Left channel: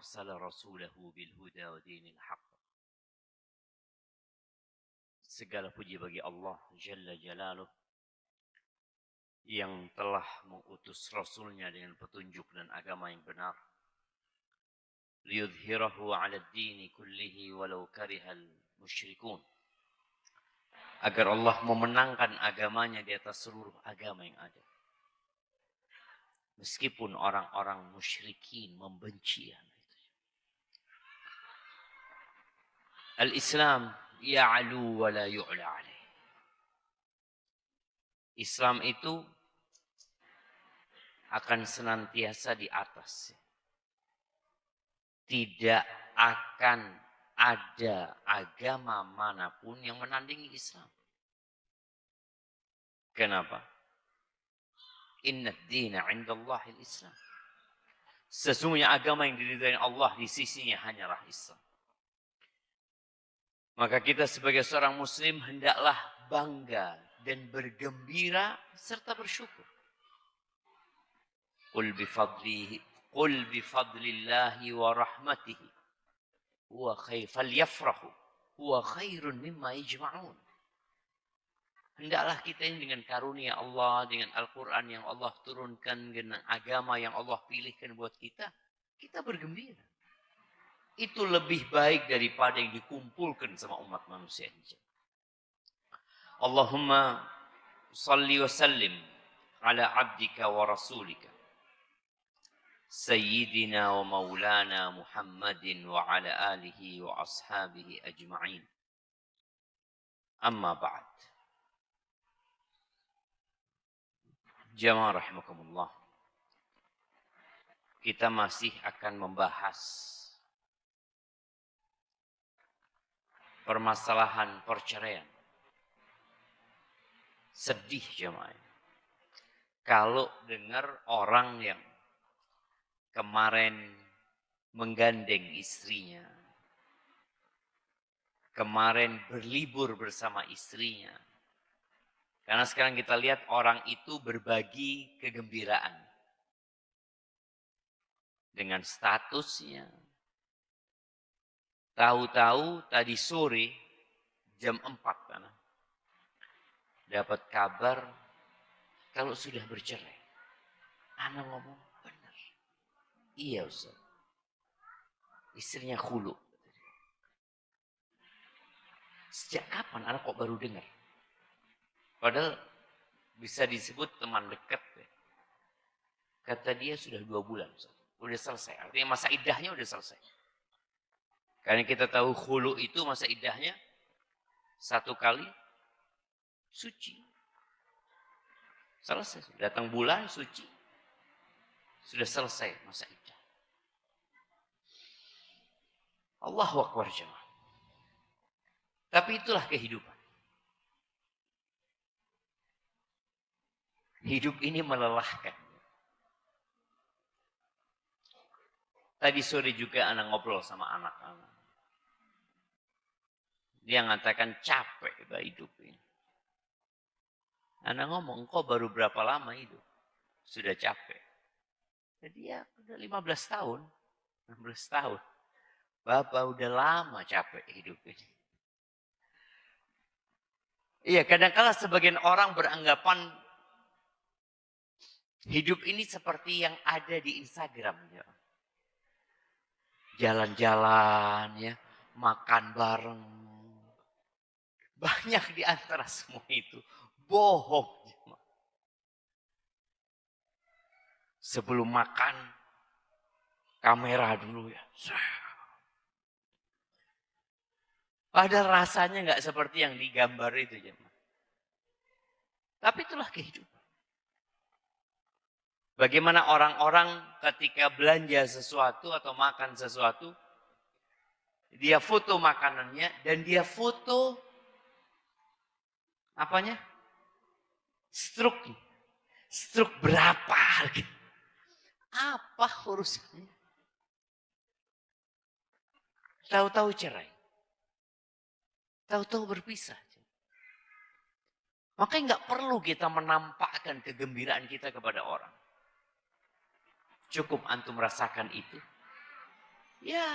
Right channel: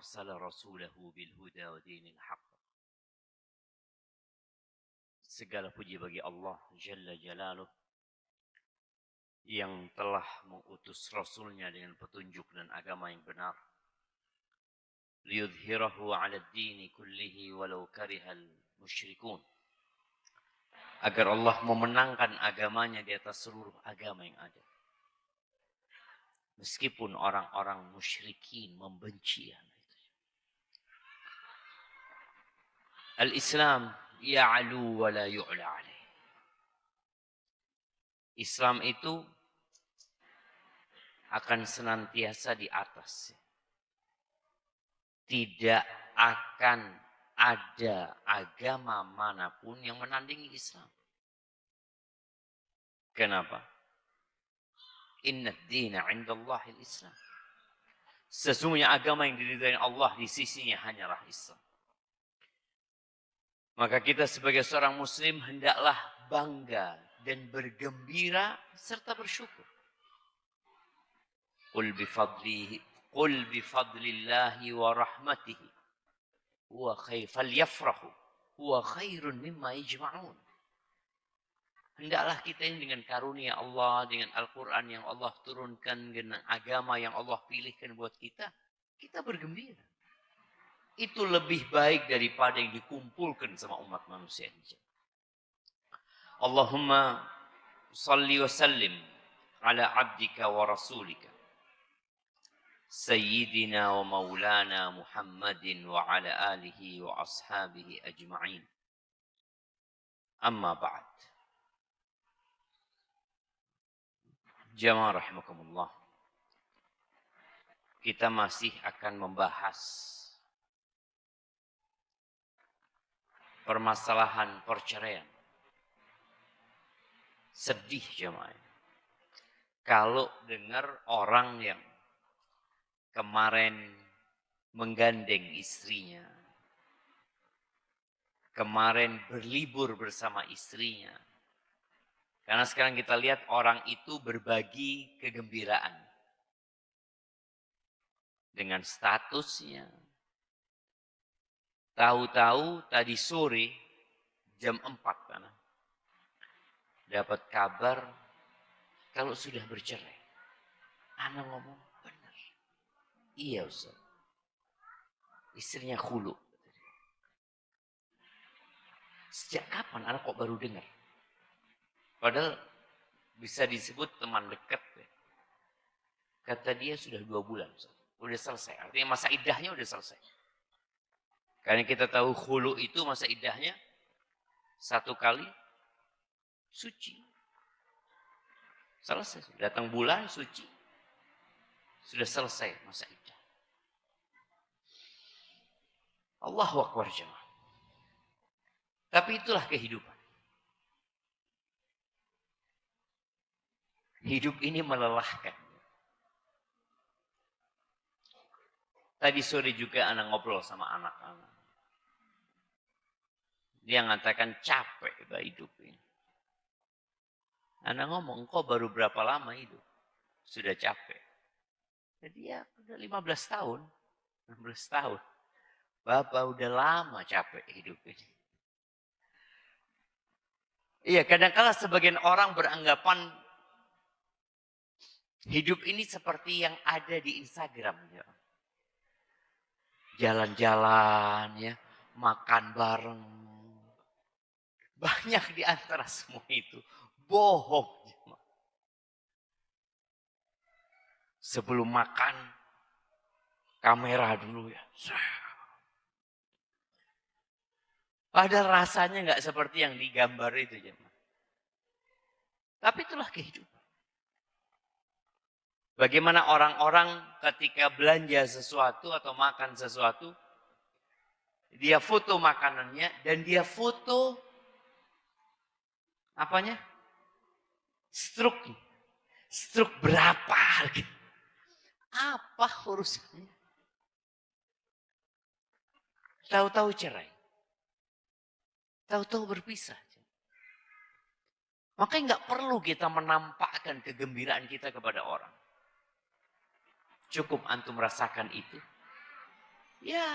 أرسل رسوله بالهدى ودين الحق. Segala puji bagi Allah Jalla Jalaluh yang telah mengutus Rasulnya dengan petunjuk dan agama yang benar. Liyudhhirahu 'ala ad-dini kullihi walau karihal musyrikun. Agar Allah memenangkan agamanya di atas seluruh agama yang ada. Meskipun orang-orang musyrikin membenci hal itu. Al-Islam ya'lu wa la yu'la alaih. Islam itu akan senantiasa di atas. Tidak akan ada agama manapun yang menandingi Islam. Kenapa? Inna ad-dina 'inda Allahil Islam. Sesungguhnya agama yang diridhai Allah di sisinya hanyalah Islam. Maka kita sebagai seorang muslim hendaklah bangga dan bergembira serta bersyukur. Qul bifadlillahi wa rahmatihi huwa falyafrahu huwa khairun mimma yajma'un. Hendaklah kita ini dengan karunia Allah, dengan Al-Quran yang Allah turunkan, dengan agama yang Allah pilihkan buat kita, kita bergembira. Itu lebih baik daripada yang dikumpulkan sama umat manusia. Allahumma salli wa sallim ala abdika wa rasulika sayyidina wa maulana Muhammadin wa ala alihi wa ashabihi ajma'in. Amma ba'd. Jamaah rahimakumullah. Kita masih akan membahas permasalahan perceraian. Sedih jemaah. Kalau dengar orang yang kemarin menggandeng istrinya, kemarin berlibur bersama istrinya. Karena sekarang kita lihat orang itu berbagi kegembiraan dengan statusnya. Tahu-tahu tadi sore jam 4 kan, dapat kabar kalau sudah bercerai. Anak ngomong benar. Iya Ustaz. Istrinya khulu. Sejak kapan anak kok baru dengar? Padahal bisa disebut teman dekat. Kata dia sudah 2 bulan. Ustaz. Udah selesai. Artinya masa iddahnya udah selesai. Karena kita tahu khulu itu masa iddahnya 1 kali suci. Selesai. Datang bulan suci. Sudah selesai masa iddah. Allahu Akbar jemaah. Tapi itulah kehidupan. Hidup ini melelahkan. Tadi sore juga anak ngobrol sama anak. Dia mengatakan capek gak hidup ini. Anak ngomong, kok baru berapa lama hidup? Sudah capek. Jadi ya udah 15 tahun. 16 tahun. Bapak udah lama capek hidup ini. Iya, kadang-kadang sebagian orang beranggapan hidup ini seperti yang ada di Instagram. Ya. Jalan-jalan, ya, makan bareng. Banyak di antara semua itu bohong. Sebelum makan, kamera dulu ya. Padahal rasanya nggak seperti yang digambar itu. Ya. Tapi itulah kehidupan. Bagaimana orang-orang ketika belanja sesuatu atau makan sesuatu, dia foto makanannya dan dia foto apanya? Struknya. Struk berapa? Apa urusannya? Tahu-tahu cerai. Tahu-tahu berpisah. Makanya nggak perlu kita menampakkan kegembiraan kita kepada orang. Cukup antum merasakan itu. Ya.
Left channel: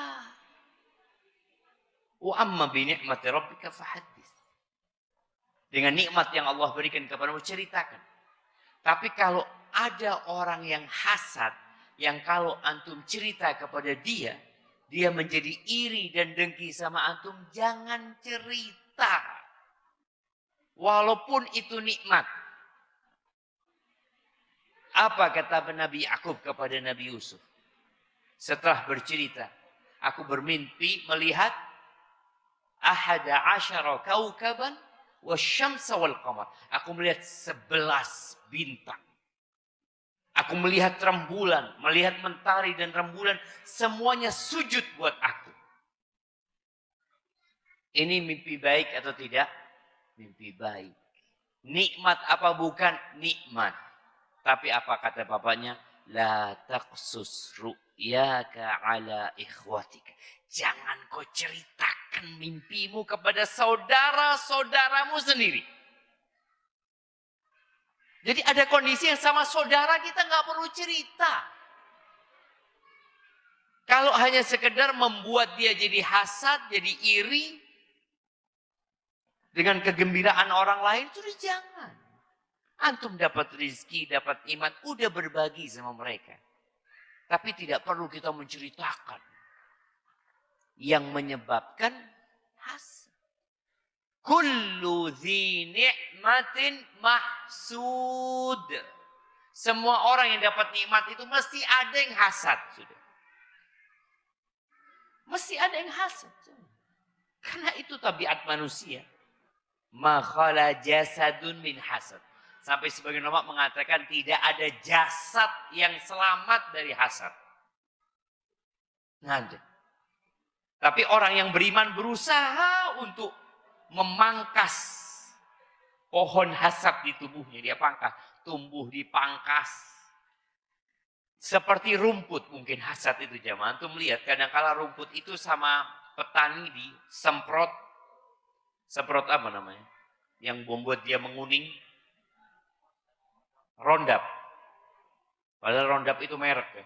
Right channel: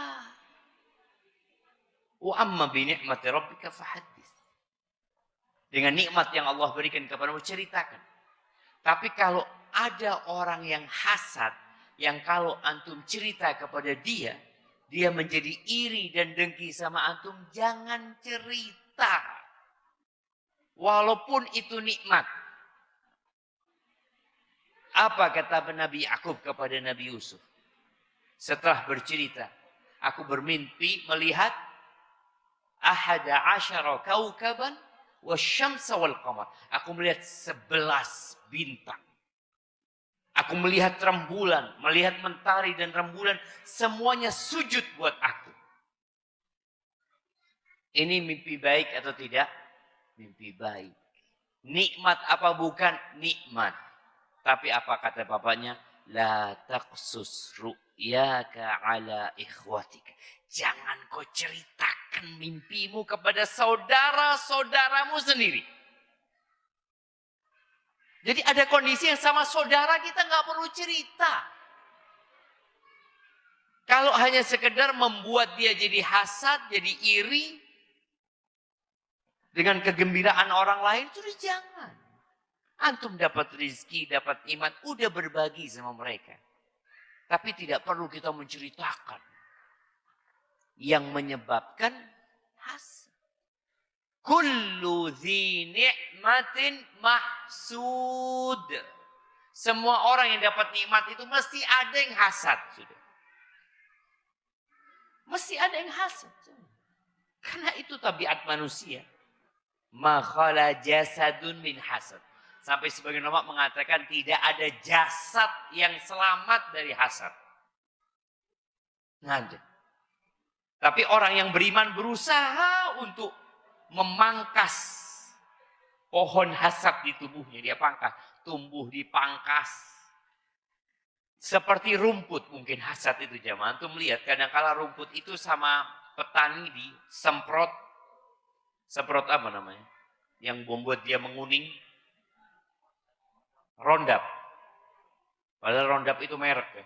Wa amma bi ni'mati rabbika fahaddits. Dengan nikmat yang Allah berikan kepadamu, ceritakan. Tapi kalau ada orang yang hasad, yang kalau antum cerita kepada dia, dia menjadi iri dan dengki sama antum, jangan cerita. Walaupun itu nikmat. Apa kata Nabi Yakub kepada Nabi Yusuf? Setelah bercerita, aku bermimpi melihat ahada asyara kaukaban wasyamsa wal qamar. Aku melihat 11 bintang. Aku melihat rembulan, melihat mentari dan rembulan, semuanya sujud buat aku. Ini mimpi baik atau tidak? Mimpi baik. Nikmat apa bukan? Nikmat. Tapi apa kata bapaknya? La taqsus ru'yaka ala ikhwatika. Jangan kau ceritakan mimpimu kepada saudara-saudaramu sendiri. Jadi ada kondisi yang sama saudara kita nggak perlu cerita. Kalau hanya sekedar membuat dia jadi hasad, jadi iri dengan kegembiraan orang lain, itu jangan. Antum dapat rezeki, dapat iman, udah berbagi sama mereka. Tapi tidak perlu kita menceritakan yang menyebabkan hasad. Kullu dzi ni'matin mahsud. Semua orang yang dapat nikmat itu mesti ada yang hasad. Mesti ada yang hasad. Karena itu tabiat manusia. Ma khala jasadun min hasad. Sampai sebagian ulama mengatakan tidak ada jasad yang selamat dari hasad. Nggak. Tapi orang yang beriman berusaha untuk memangkas pohon hasad di tubuhnya. Dia pangkas, tumbuh dipangkas. Seperti rumput mungkin hasad itu jamaah. Antum melihat kadang-kala rumput itu sama petani disemprot. Semprot apa namanya? Yang membuat dia menguning. Roundup. Padahal Roundup itu merek ya.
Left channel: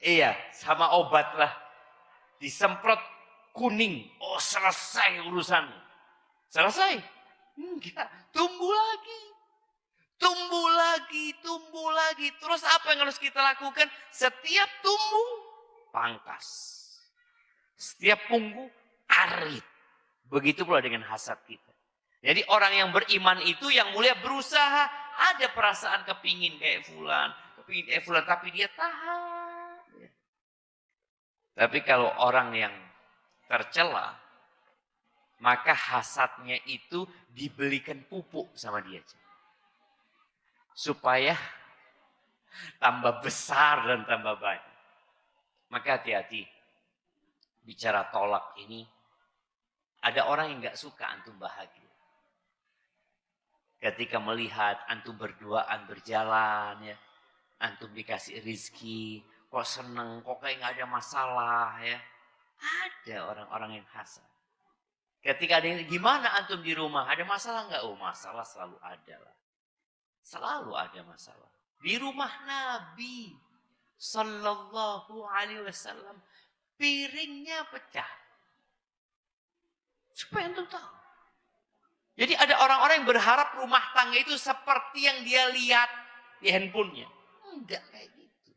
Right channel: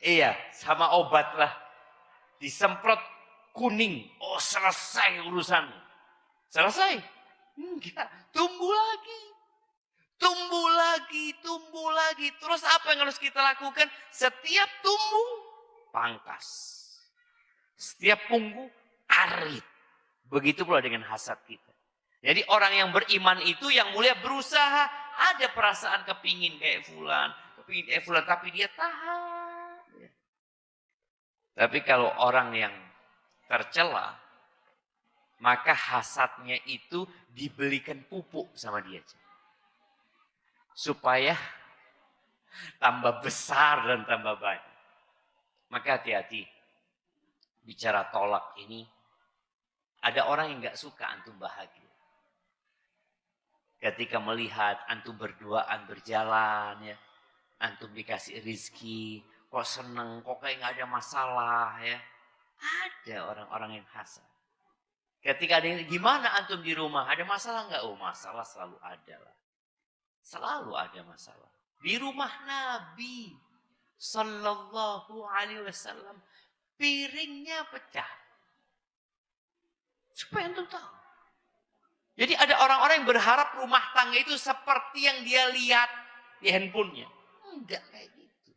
Iya, sama obat lah. Disemprot kuning. Oh, selesai urusannya. Selesai. Enggak. Tumbuh lagi. Tumbuh lagi, tumbuh lagi. Terus apa yang harus kita lakukan? Setiap tumbuh, pangkas. Setiap tumbuh, erit. Begitu pula dengan hasad kita. Jadi orang yang beriman itu yang mulia berusaha. Ada perasaan kepingin kayak fulan. Kepingin kayak fulan. Tapi dia tahan. Tapi kalau orang yang tercela, maka hasadnya itu dibelikan pupuk sama dia. Supaya tambah besar dan tambah banyak. Maka hati-hati. Bicara tolak ini. Ada orang yang gak suka antum bahagia. Ketika melihat antum berduaan berjalan, ya, antum dikasih rezeki, kok seneng, kok kayak gak ada masalah, ya. Ada orang-orang yang hasad. Ketika ada gimana antum di rumah, ada masalah nggak? Oh, masalah selalu ada lah. Selalu ada masalah. Di rumah Nabi Sallallahu Alaihi Wasallam piringnya pecah. Supaya antum tahu. Jadi ada orang-orang yang berharap rumah tangga itu seperti yang dia lihat di handphonenya. Enggak kayak gitu.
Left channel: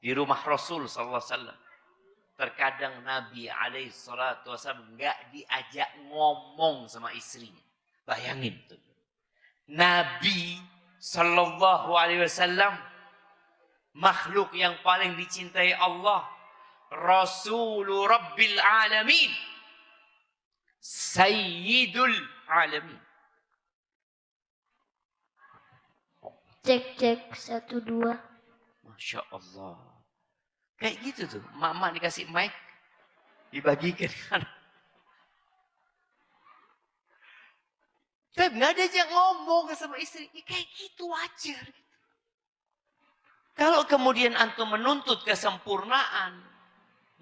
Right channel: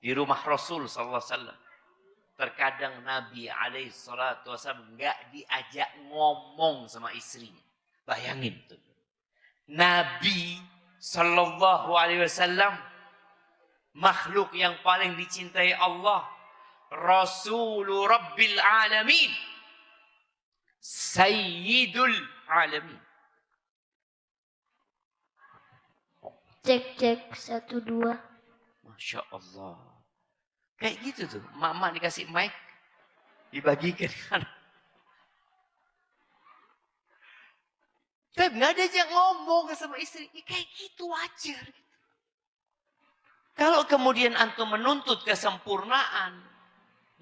Di rumah Rasul sallallahu alaihi wasallam terkadang Nabi alaihi salatu wasallam enggak diajak ngomong sama istrinya. Bayangin tuh. Nabi sallallahu alaihi wasallam makhluk yang paling dicintai Allah, Rasulul Rabbil Alamin, Sayyidul Alamin. Cek 1 2. Masya Allah. Kayak gitu tuh. Mama dikasih mic, dibagikan kan. Tapi nggak ada yang ngomong sama istri. Ya, kayak gitu aja. Kalau kemudian antum menuntut kesempurnaan,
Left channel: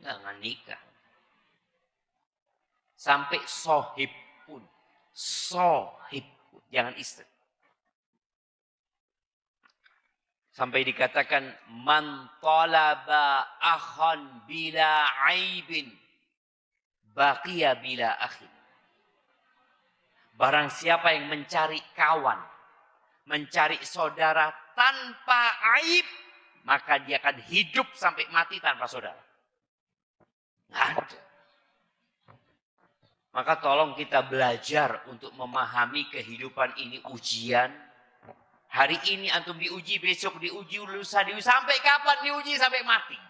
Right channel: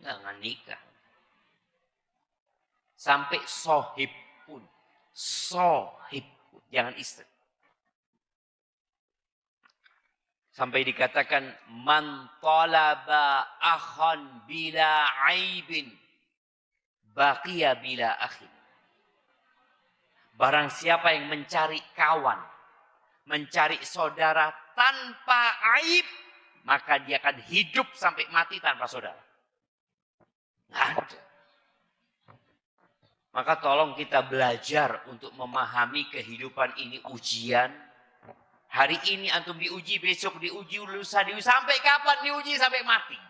jangan nikah. Sampai sohib pun. Sohib pun. Jangan istri. Sampai dikatakan man talaba akhan bila aibin baqiya bila akhin. Barang siapa yang mencari kawan, mencari saudara tanpa aib, maka dia akan hidup sampai mati tanpa saudara. Maka tolong kita belajar untuk memahami kehidupan ini ujian. Hari ini antum diuji, besok diuji, lusa diuji, sampai kapan diuji? Sampai mati.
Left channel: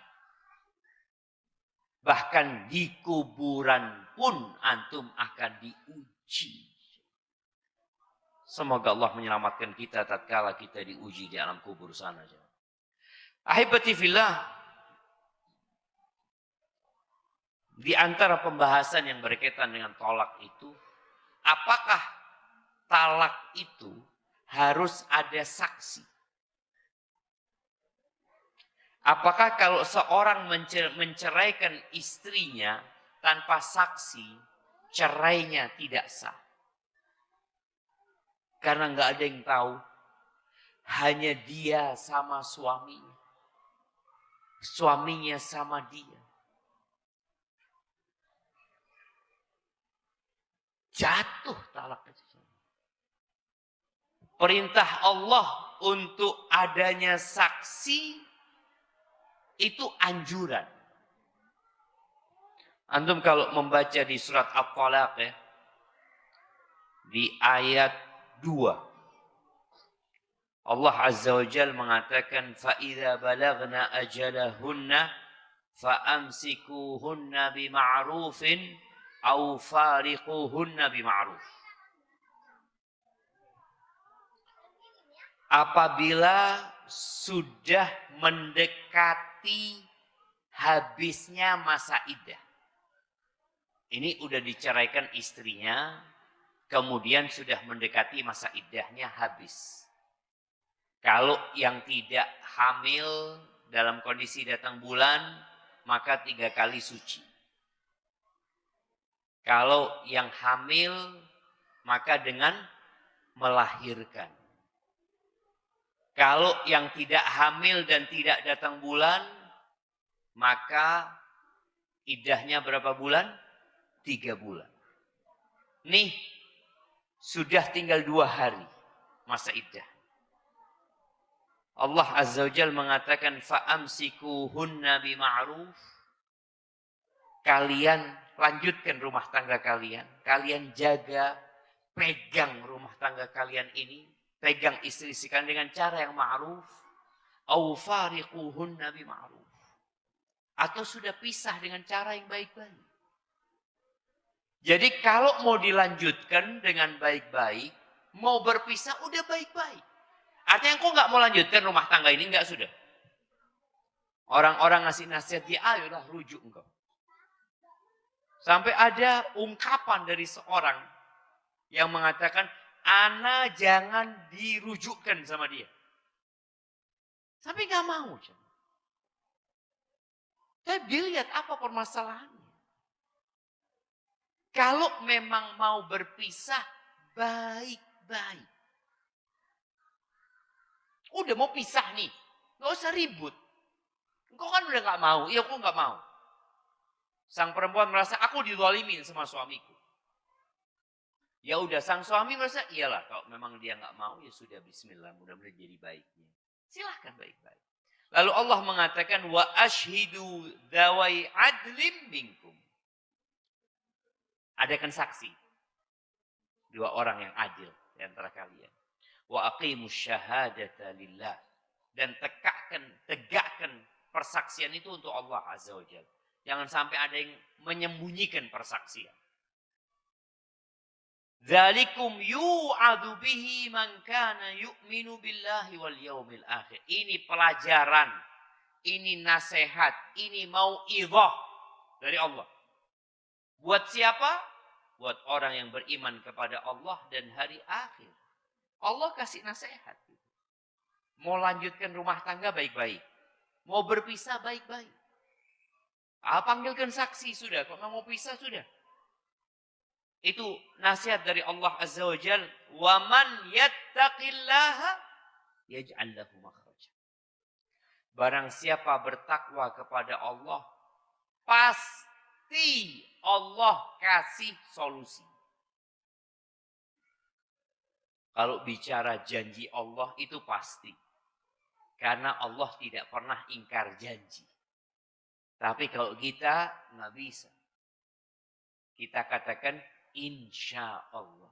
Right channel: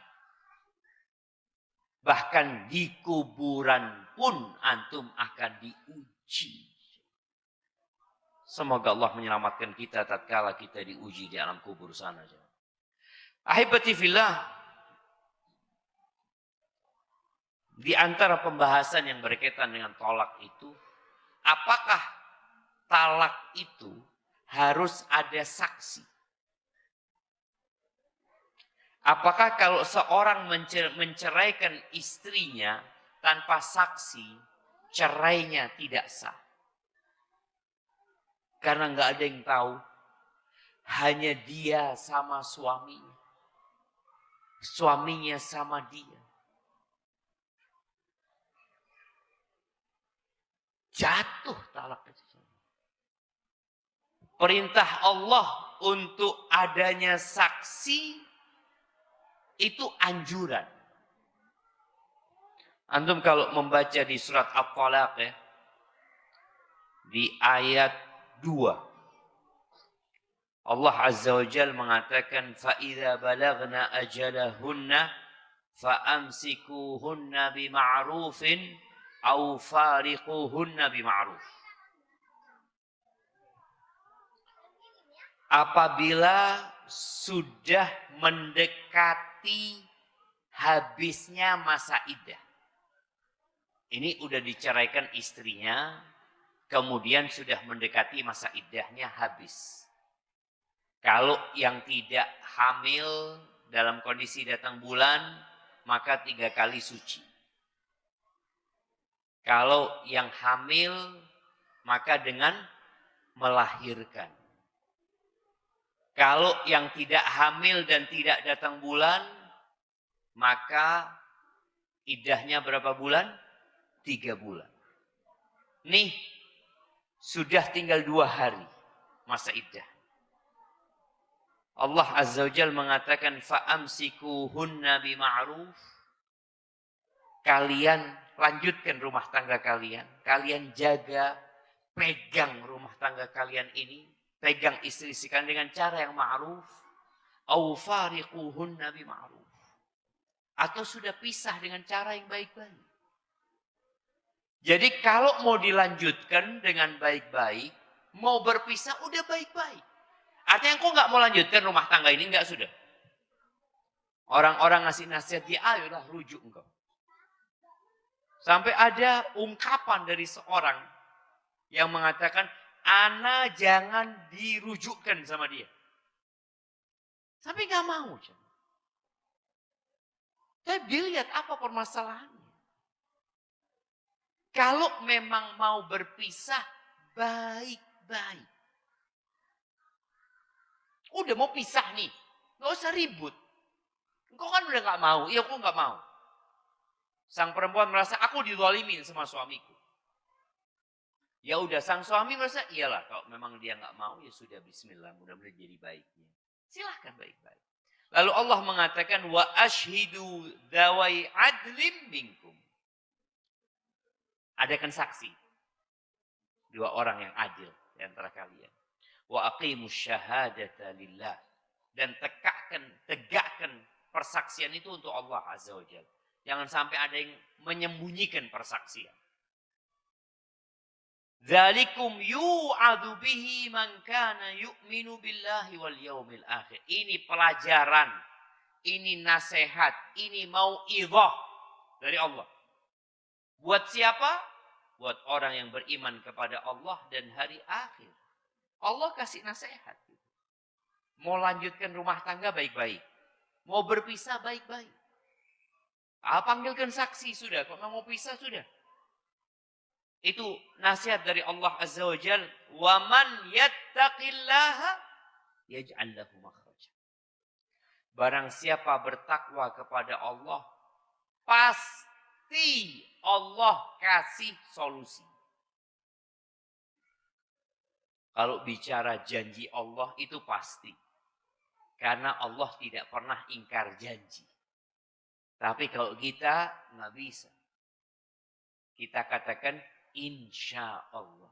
Bahkan di kuburan pun antum akan diuji. Semoga Allah menyelamatkan kita tatkala kita diuji di alam kubur sana. Ahibati fillah, di antara pembahasan yang berkaitan dengan talak itu, apakah talak itu harus ada saksi? Apakah kalau seorang menceraikan istrinya tanpa saksi, cerainya tidak sah? Karena nggak ada yang tahu, hanya dia sama suaminya, suaminya sama dia. Jatuh talak itu. Perintah Allah untuk adanya saksi itu anjuran. Antum kalau membaca di surat At-Talaq ya, di ayat 2. Allah Azza wa Jalla mengatakan فَإِذَا بَلَغْنَا أَجَلَهُنَّ فَأَمْسِكُوهُنَّ بِمَعْرُوفٍ أَوْ فَارِقُوهُنَّ بِمَعْرُوفٍ. Apabila sudah mendekati habisnya masa iddah. Ini udah diceraikan istrinya, kemudian sudah mendekati masa iddahnya habis. Kalau yang tidak hamil dalam kondisi datang bulan, maka 3 kali suci. Kalau yang hamil, maka dengan melahirkan. Kalau yang tidak hamil dan tidak datang bulan, maka iddahnya berapa bulan? 3 bulan. Nih, sudah tinggal 2 hari masa iddah. Allah Azza wa Jalla mengatakan fa'amsikuhunna bima'ruf. Kalian lanjutkan rumah tangga kalian. Kalian jaga, pegang rumah tangga kalian ini. Pegang istri kalian dengan cara yang ma'ruf. Au fariquhunna bima'ruf. Atau sudah pisah dengan cara yang baik-baik. Jadi kalau mau dilanjutkan dengan baik-baik, mau berpisah udah baik-baik. Artinya engkau nggak mau lanjutkan rumah tangga ini, nggak sudah. Orang-orang ngasih nasihat dia, ayo dah rujuk engkau. Sampai ada ungkapan dari seorang yang mengatakan, ana jangan dirujukkan sama dia. Tapi nggak mau. Tapi dilihat apa permasalahannya. Kalau memang mau berpisah, baik-baik. Udah mau pisah nih, nggak usah ribut. Engkau kan udah nggak mau, iya aku nggak mau. Sang perempuan merasa aku dizalimi sama suamiku. Ya udah, sang suami merasa iyalah kalau memang dia nggak mau ya sudah, Bismillah, mudah-mudahan jadi baiknya. Silahkan baik-baik. Lalu Allah mengatakan wa ashhidu dzawai adlim minkum. Adakan saksi 2 orang yang adil di antara kalian. Wa aqimus syahadata lillah, dan tegakkan persaksian itu untuk Allah Azza wa Jalla. Jangan sampai ada yang menyembunyikan persaksian. Dzalikum yu'adu bihi man kana yu'minu billahi wal yaumil akhir. Ini pelajaran, ini nasihat, ini mau'izah dari Allah. Buat siapa? Buat orang yang beriman kepada Allah dan hari akhir. Allah kasih nasihat. Mau lanjutkan rumah tangga baik-baik. Mau berpisah baik-baik. Panggilkan saksi sudah. Kalau mau pisah sudah. Itu nasihat dari Allah Azza wa Jalla. Wa man yattaqillaha yaj'al lahu makhraja. Barang siapa bertakwa kepada Allah, pasti Allah kasih solusi. Kalau bicara janji Allah itu pasti. Karena Allah tidak pernah ingkar janji. Tapi kalau kita nggak bisa. Kita katakan insya Allah.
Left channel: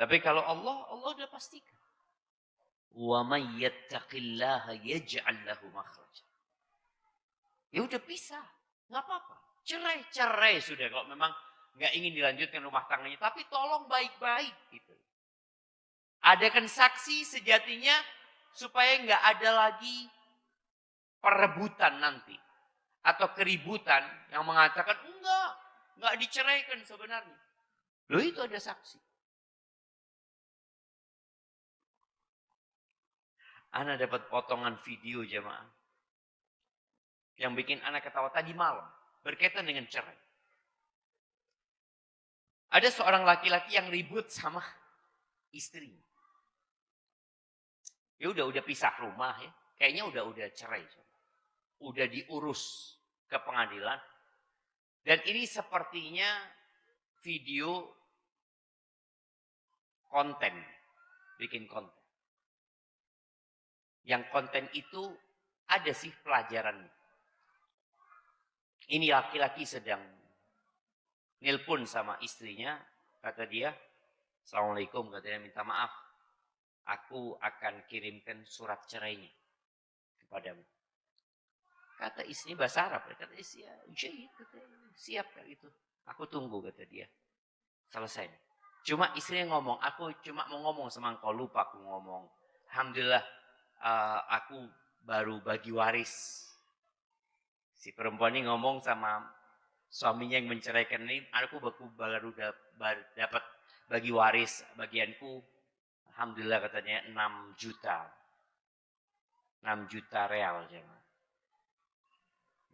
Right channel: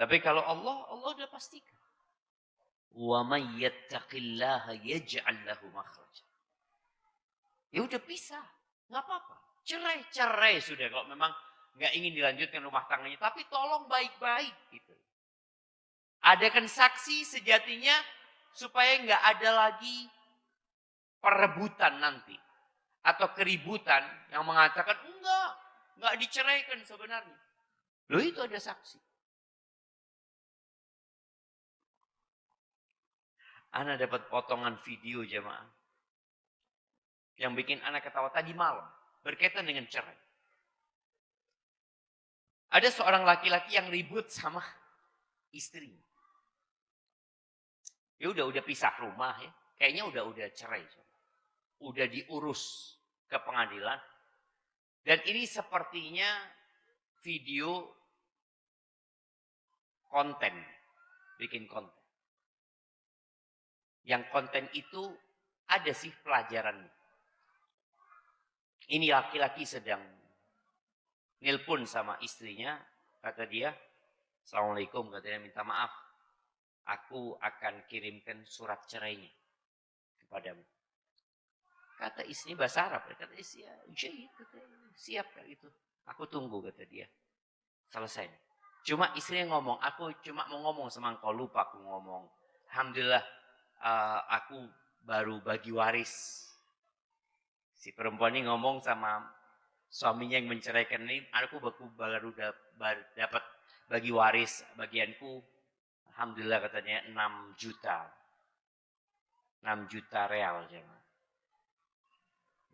Tapi kalau Allah udah pastikan. Wa may yattaqillaha yaj'al lahu makhraja. Ya udah bisa, nggak apa-apa. Cerai sudah kalau memang nggak ingin dilanjutkan rumah tangganya. Tapi tolong baik-baik gitu. Adakan saksi sejatinya supaya nggak ada lagi perebutan nanti atau keributan yang mengatakan nggak diceraikan sebenarnya. Loh itu ada saksi. Ana dapat potongan video jemaah yang bikin anak ketawa tadi malam berkaitan dengan cerai. Ada seorang laki-laki yang ribut sama istrinya. Ya udah pisah rumah ya. Kayaknya udah cerai. Udah diurus ke pengadilan. Dan ini sepertinya video konten. Bikin konten. Yang konten itu ada sih pelajarannya. Ini laki-laki sedang nelpon sama istrinya. Kata dia, Assalamualaikum, katanya minta maaf. Aku akan kirimkan surat cerainya kepadamu. Kata istri bahasa Arab. Kata istri, siap gitu. Aku tunggu, kata dia. Selesai. Cuma istrinya ngomong, aku cuma mau ngomong sama engkau, lupa aku ngomong. Alhamdulillah, aku baru bagi waris. Si perempuan ini ngomong sama suaminya yang menceraikan ini, aku baru dapat bagi waris, bagianku. Alhamdulillah katanya 6 juta. 6 juta real.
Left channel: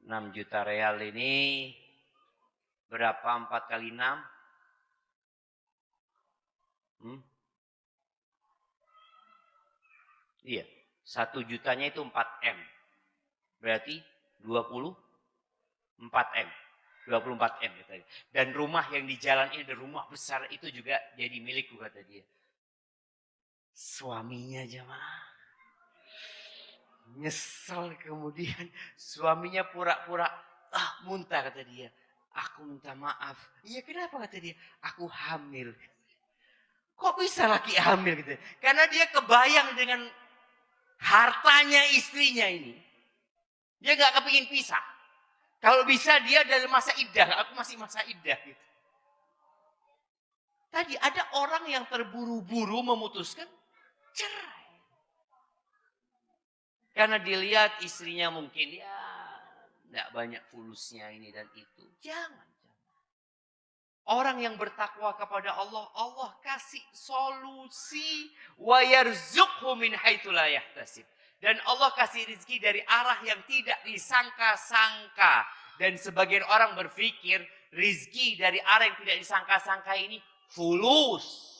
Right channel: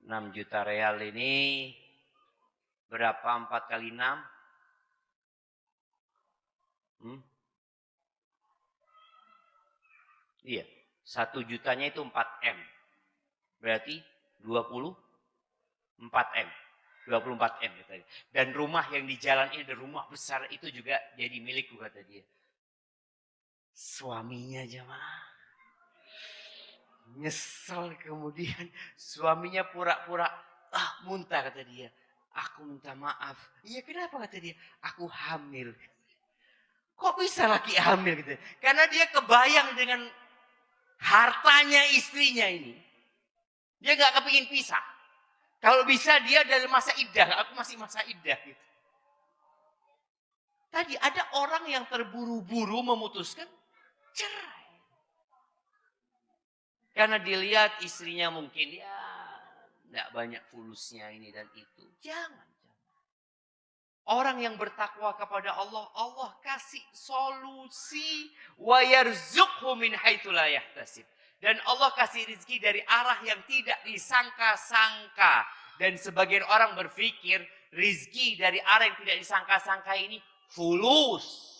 6 juta real ini berapa 4 kali 6? Iya. 1 jutanya itu 4M. Berarti 24M. 24M. Dan rumah yang di jalan ini, rumah besar itu juga jadi milikku, kata dia. Suaminya jemaah nyesel, kemudian suaminya pura-pura muntah, kata dia. Aku minta maaf. Iya, kenapa, kata dia? Aku hamil. Kok bisa laki hamil gitu? Karena dia kebayang dengan hartanya istrinya ini. Dia gak kepingin pisah. Kalau bisa dia dari masa iddah, aku masih masa iddah gitu. Tadi ada orang yang terburu-buru memutuskan cerai. Karena dilihat istrinya mungkin tidak banyak fulusnya ini dan itu. Jangan. Orang yang bertakwa kepada Allah, Allah kasih solusi. Wa yarzuqhu min haitsu la yahtasib. Dan Allah kasih rezeki dari arah yang tidak disangka-sangka. Dan sebagian orang berpikir rezeki dari arah yang tidak disangka-sangka ini fulus.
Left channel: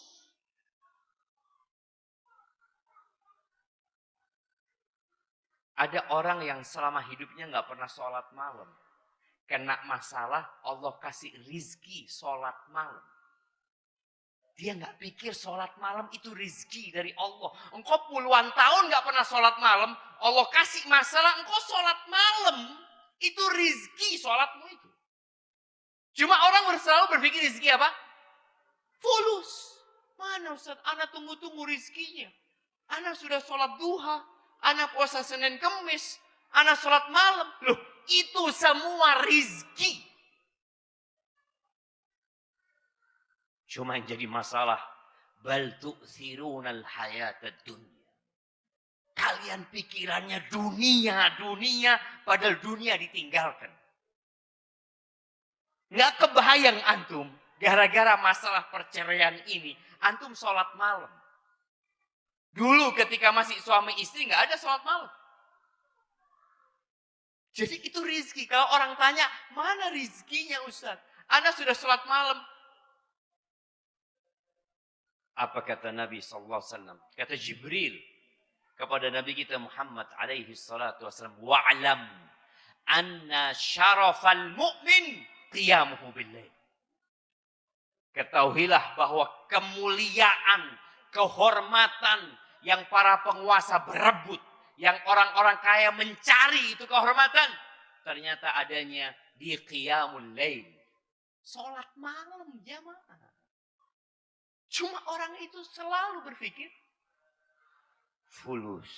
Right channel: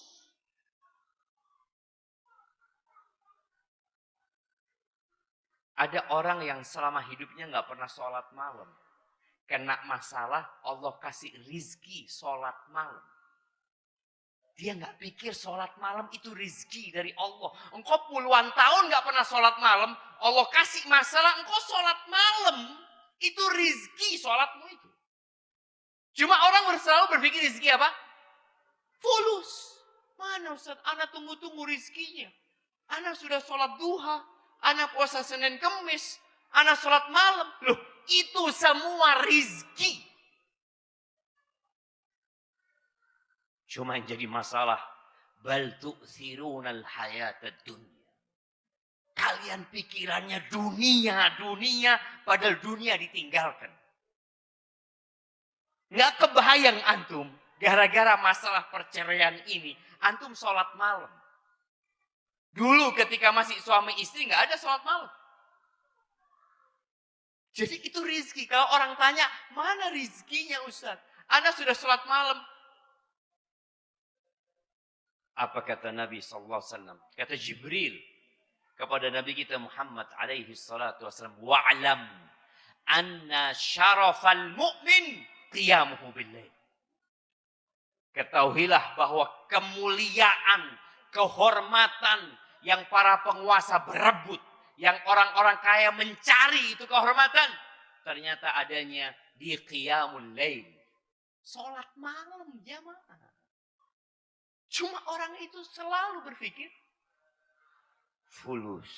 Ada orang yang selama hidupnya nggak pernah sholat malam. Kena masalah, Allah kasih rizki sholat malam. Dia nggak pikir sholat malam itu rizki dari Allah. Engkau puluhan tahun nggak pernah sholat malam, Allah kasih masalah, engkau sholat malam. Itu rizki sholatmu itu. Cuma orang selalu berpikir rizki apa? Fulus. Mana Ustaz? Anak tunggu-tunggu rizkinya. Anak sudah sholat duha. Anak puasa Senin Kemis. Anak sholat malam. Loh, itu semua rizki. Cuma yang jadi masalah. Bal tu'thirunal hayatad dunya. Kalian pikirannya dunia. Padahal dunia ditinggalkan. Gak kebayang antum. Gara-gara masalah perceraian ini. Antum sholat malam. Dulu ketika masih suami istri gak ada sholat malam. Jadi itu rizki. Kalau orang tanya, mana rizkinya Ustaz? Anda sudah sholat malam. Apa kata Nabi SAW? Kata Jibril. kepada Nabi kita Muhammad alaihi salatu wasallam, wa'lam anna syarafal mu'min qiyamuhu bil-lail. Ketahuilah bahwa kemuliaan, kehormatan yang para penguasa berebut, yang orang-orang kaya mencari itu kehormatan, ternyata adanya di qiyamul lail. Salat malam jamaah. Cuma orang itu selalu berpikir fulus.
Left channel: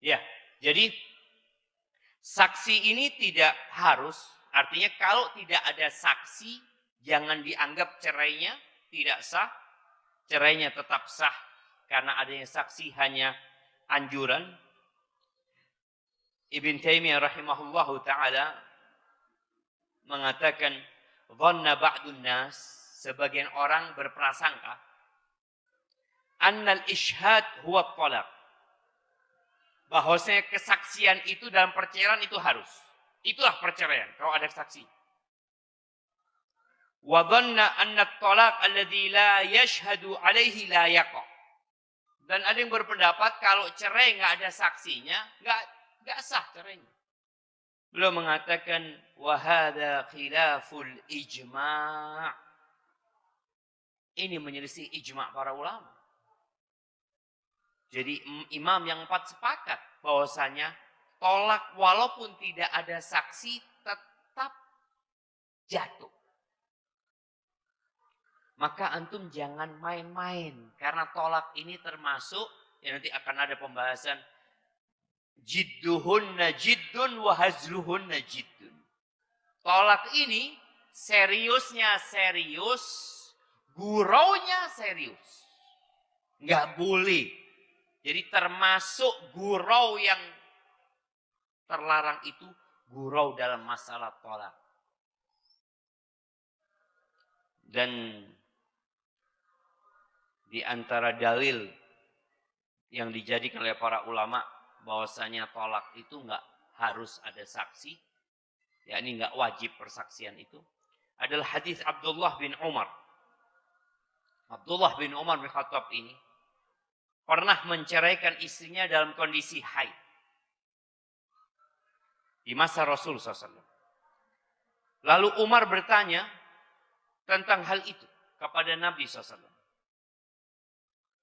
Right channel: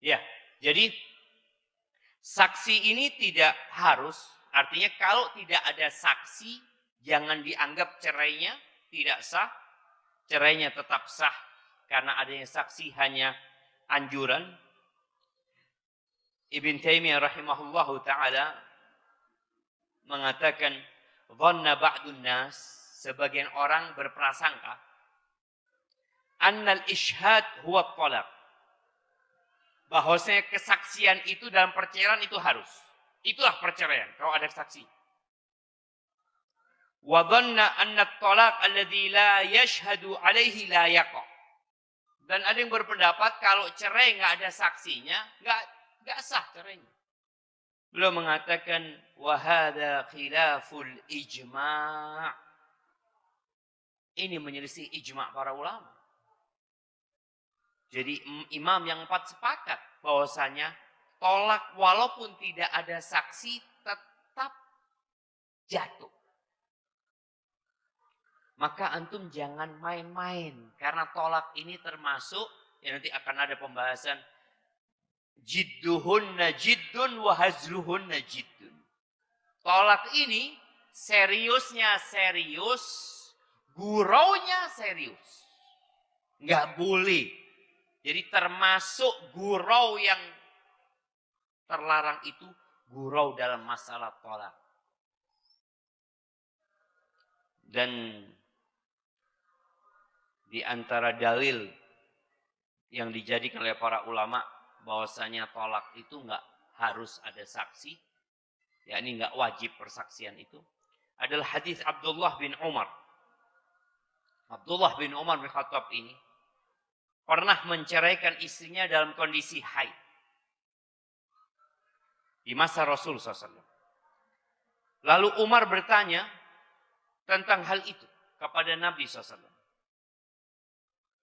Ya, jadi saksi ini tidak harus, artinya kalau tidak ada saksi, jangan dianggap cerainya tidak sah. Cerainya tetap sah karena adanya saksi hanya anjuran. Ibn Taimiyah rahimahullahu ta'ala mengatakan, dhanna ba'dun nas, sebagian orang berprasangka, annal ishhad huwa talaq, bahwasanya kesaksian itu dalam perceraian itu harus. Itulah perceraian kalau ada saksi. Wa dhanna anna at-talaq alladhi la yashhadu alaihi la yaqa. Dan ada yang berpendapat kalau cerai enggak ada saksinya, enggak sah cerai. Beliau mengatakan wa hadza khilaful ijma'. Ini menyelisih ijma' para ulama. Jadi imam yang 4 sepakat bahwasanya tolak walaupun tidak ada saksi tetap jatuh. Maka antum jangan main-main karena tolak ini termasuk, ya nanti akan ada pembahasan, jidduhunna jiddun wa hazluhunna jiddun. Tolak ini seriusnya serius, guraunya serius. Enggak boleh. Jadi termasuk gurau yang terlarang itu gurau dalam masalah tolak. Dan di antara dalil yang dijadikan oleh para ulama bahwasanya tolak itu enggak harus ada saksi, yakni enggak wajib persaksian itu, adalah hadis Abdullah bin Umar. Abdullah bin Umar bin Khattab ini pernah menceraikan istrinya dalam kondisi haid di masa Rasul SAW. Lalu Umar bertanya tentang hal itu kepada Nabi SAW.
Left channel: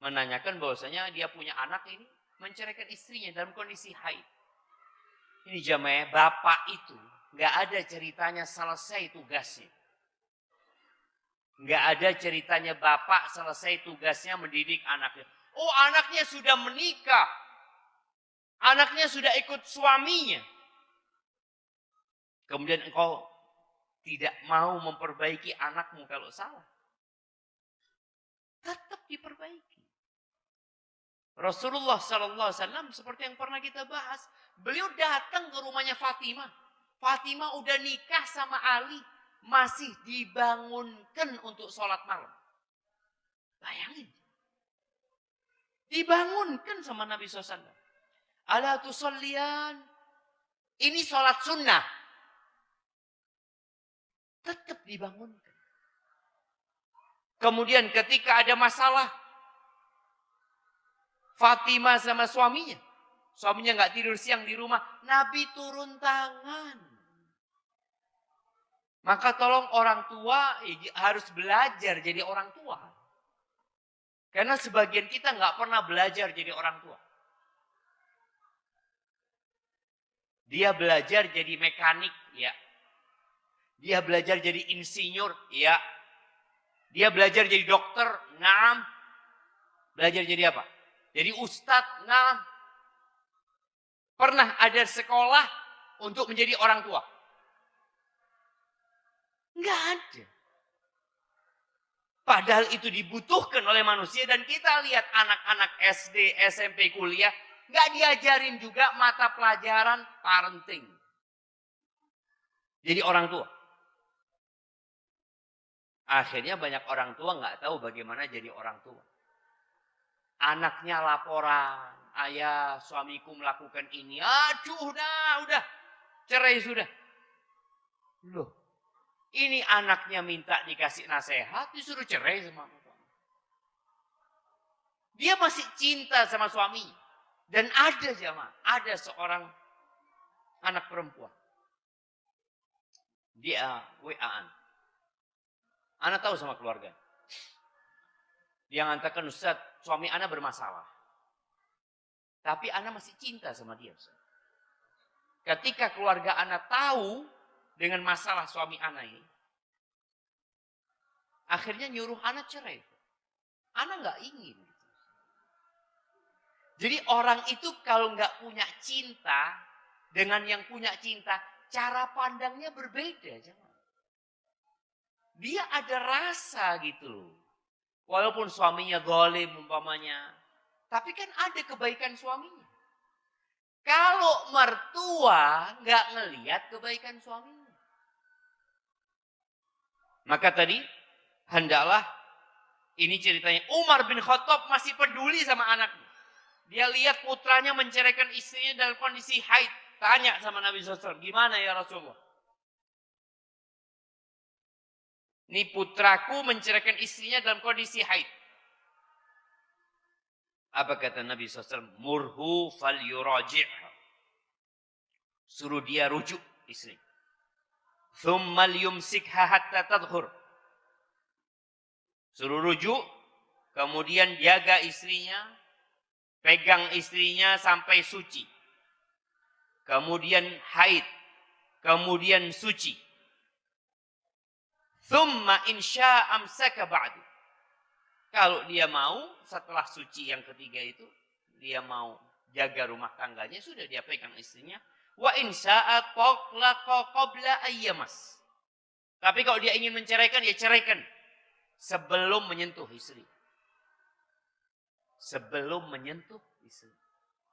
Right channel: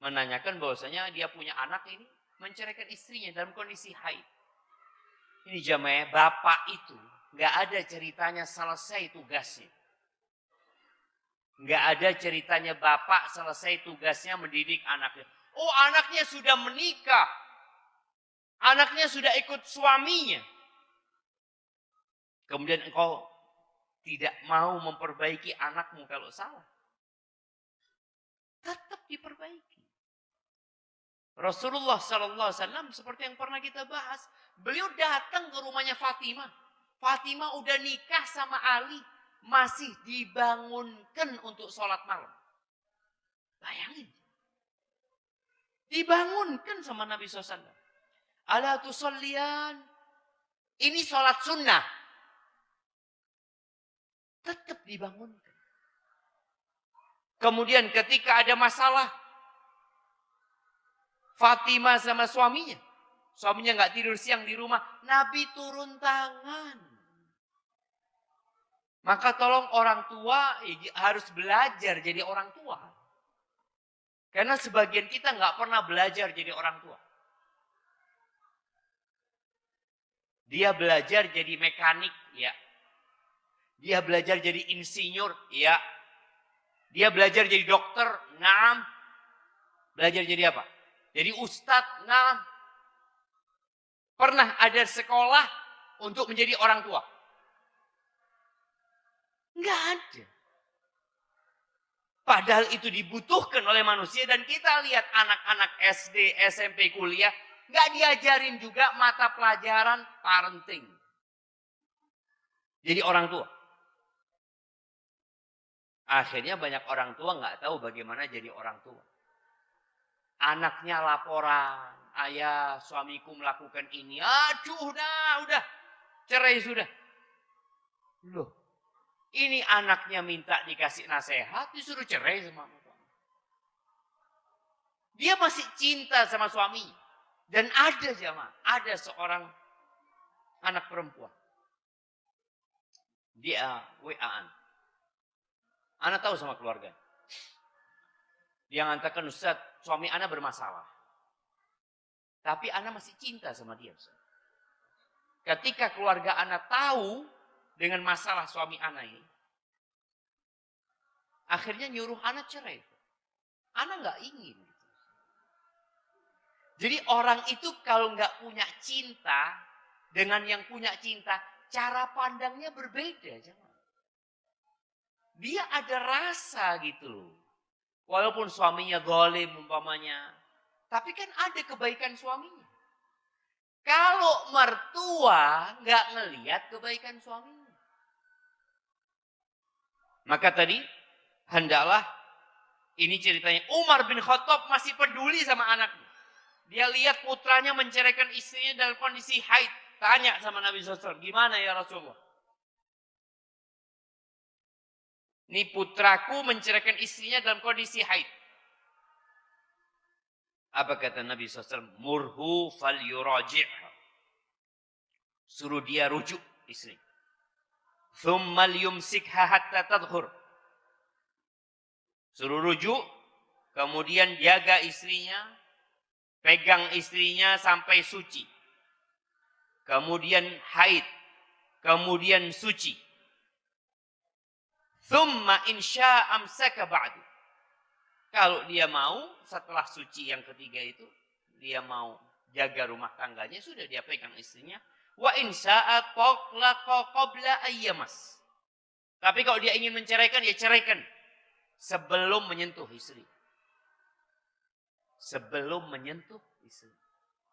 Menanyakan bahwasanya dia punya anak ini menceraikan istrinya dalam kondisi haid. Ini jamaah, bapak itu nggak ada ceritanya selesai tugasnya. Nggak ada ceritanya bapak selesai tugasnya mendidik anaknya. Oh, anaknya sudah menikah. Anaknya sudah ikut suaminya. Kemudian engkau tidak mau memperbaiki anakmu kalau salah. Tetap diperbaiki. Rasulullah SAW seperti yang pernah kita bahas. Beliau datang ke rumahnya Fatimah. Fatimah udah nikah sama Ali. Masih dibangunkan untuk sholat malam. Bayangin. Dibangunkan sama Nabi SAW. Ala tusallian. Ini sholat sunnah. Tetap dibangunkan. Kemudian ketika ada masalah, Fatimah sama suaminya. Suaminya nggak tidur siang di rumah. Nabi turun tangan. Maka tolong orang tua harus belajar jadi orang tua. Karena sebagian kita nggak pernah belajar jadi orang tua. Dia belajar jadi mekanik, ya. Dia belajar jadi insinyur, ya. Dia belajar jadi dokter, naam. Belajar jadi apa? Jadi ustadz, naam. Pernah ada sekolah untuk menjadi orang tua? Nggak ada. Padahal itu dibutuhkan oleh manusia dan kita lihat anak-anak SD, SMP, kuliah nggak diajarin juga mata pelajaran parenting. Jadi orang tua. Akhirnya banyak orang tua nggak tahu bagaimana jadi orang tua. Anaknya laporan, ayah suamiku melakukan ini, aduh udah, cerai sudah. Loh. Ini anaknya minta dikasih nasihat, disuruh cerai sama aku. Dia masih cinta sama suami. Dan ada jamaah, ada seorang anak perempuan. Dia WA. Ana tahu sama keluarga. Dia mengatakan, Ustaz, suami Ana bermasalah. Tapi Ana masih cinta sama dia. Ketika keluarga Ana tahu dengan masalah suami Ana ini, akhirnya nyuruh Ana cerai. Ana nggak ingin. Jadi orang itu kalau nggak punya cinta dengan yang punya cinta, cara pandangnya berbeda. Dia ada rasa gitu. Walaupun suaminya zalim umpamanya, tapi kan ada kebaikan suaminya. Kalau mertua nggak ngelihat kebaikan suaminya, maka tadi hendaklah, ini ceritanya Umar bin Khattab masih peduli sama anaknya. Dia lihat putranya menceraikan istrinya dalam kondisi haid. Tanya sama Nabi SAW, gimana ya Rasulullah? Ini putraku menceraikan istrinya dalam kondisi haid. Apa kata Nabi SAW? Murhu fal yuraji'ha. Suruh dia rujuk istri. Thumma liyumsikha hatta tadhur. Suruh rujuk, kemudian jaga istrinya, pegang istrinya sampai suci. Kemudian haid, kemudian suci. Thumma insya amsaka ba'du. Kalau dia mau, setelah suci yang ketiga itu, dia mau jaga rumah tangganya, sudah dia pegang istrinya. Wa insya'a taqlaqa qabla ayyamas. Tapi kalau dia ingin menceraikan, ya ceraikan. Sebelum menyentuh istri. Sebelum menyentuh istri.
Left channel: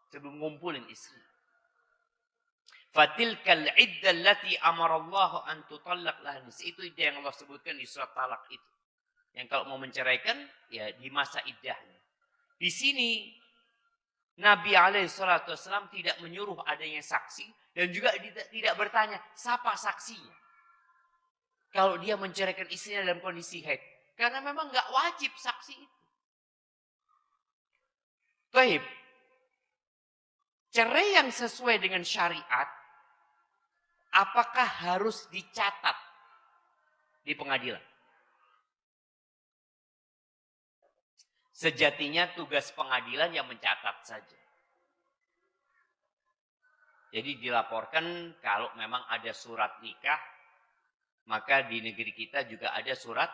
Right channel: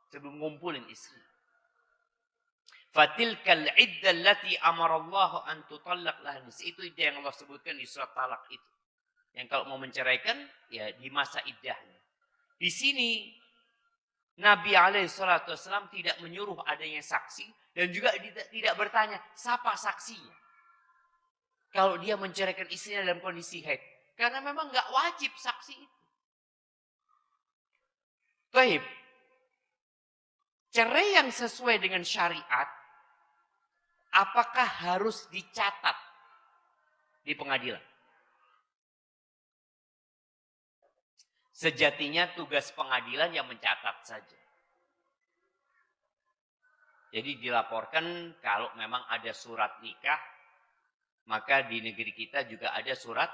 Sebelum ngumpulin istri. Fatilkal iddah allati amarallahu an tutallaq laha. Itu yang Allah sebutkan di surat Talak itu. Yang kalau mau menceraikan, ya di masa iddahnya. Di sini Nabi SAW tidak menyuruh adanya saksi dan juga tidak bertanya siapa saksinya. Kalau dia menceraikan istrinya dalam kondisi haid, karena memang nggak wajib saksi itu. Baik, cerai yang sesuai dengan syariat, apakah harus dicatat di pengadilan? Sejatinya tugas pengadilan yang mencatat saja. Jadi dilaporkan kalau memang ada surat nikah, maka di negeri kita juga ada surat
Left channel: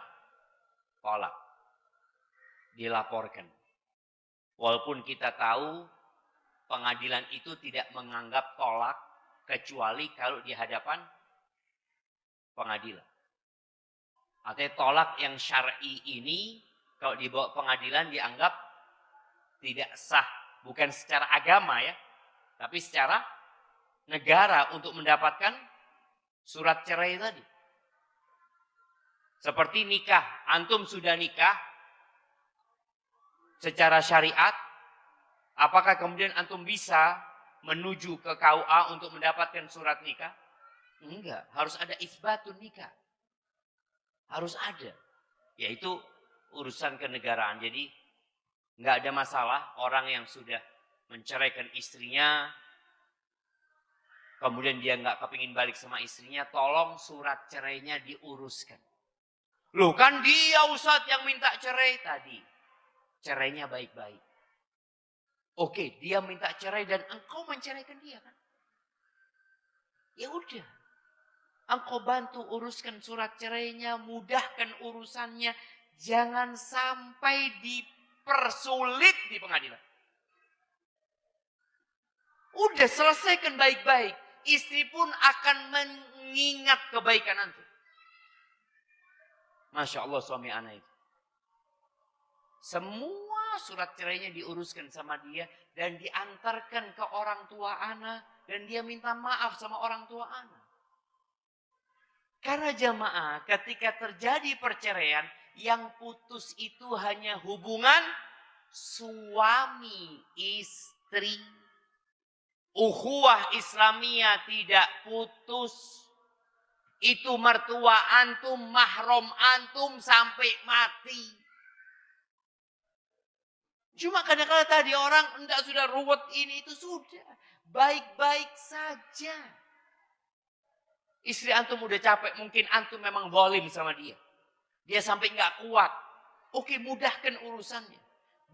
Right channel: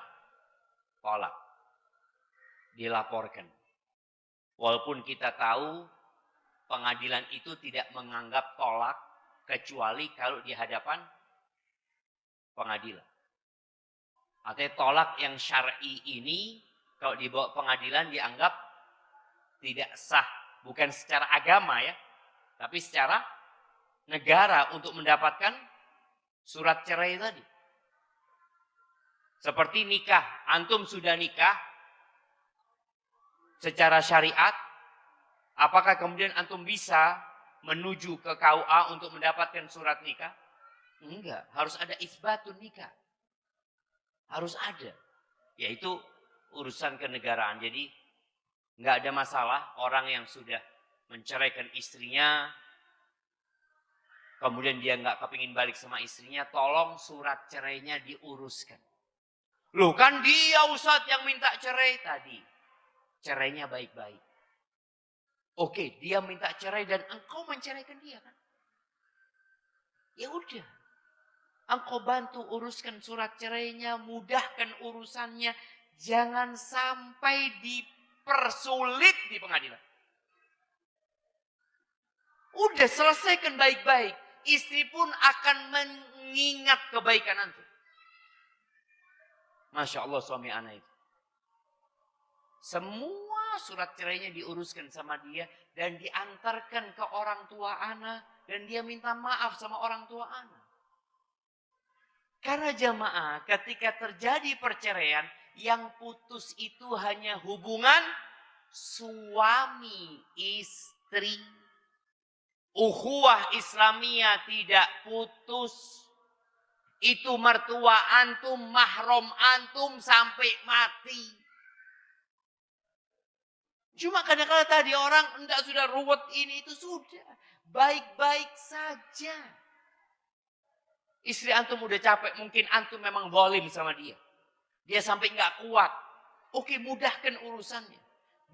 tolak. Dilaporkan. Walaupun kita tahu pengadilan itu tidak menganggap tolak kecuali kalau di hadapan pengadilan. Artinya tolak yang syar'i ini kalau dibawa pengadilan dianggap tidak sah. Bukan secara agama ya. Tapi secara negara untuk mendapatkan surat cerai tadi. Seperti nikah. Antum sudah nikah secara syariat. Apakah kemudian antum bisa menuju ke KUA untuk mendapatkan surat nikah? Enggak. Harus ada isbatun nikah. Harus ada. Yaitu urusan kenegaraan. Jadi nggak ada masalah orang yang sudah menceraikan istrinya, kemudian dia nggak kepingin balik sama istrinya, tolong surat cerainya diuruskan. Loh kan dia Ustaz yang minta cerai tadi. Cerainya baik-baik. Oke, dia minta cerai dan engkau menceraikan dia. Ya udah. Engkau bantu uruskan surat cerainya, mudahkan urusannya. Jangan sampai dipersulit di pengadilan. Udah selesaikan baik-baik. Istri pun akan mengingat kebaikan nanti. Masya Allah suami anak itu. Semua surat cerainya diuruskan sama dia. Dan diantarkan ke orang tua anak. Dan dia minta maaf sama orang tua anak. Karena jamaah ketika terjadi perceraian. Yang putus itu hanya hubungan suami istri. Ukhuwah Islamiyah tidak putus. Itu mertua antum, mahram antum sampai mati. Cuma kadang-kadang tadi orang enggak sudah ruwet ini itu sudah. Baik-baik saja. Istri antum udah capek, mungkin antum memang zalim sama dia. Dia sampai nggak kuat. Oke, mudahkan urusannya.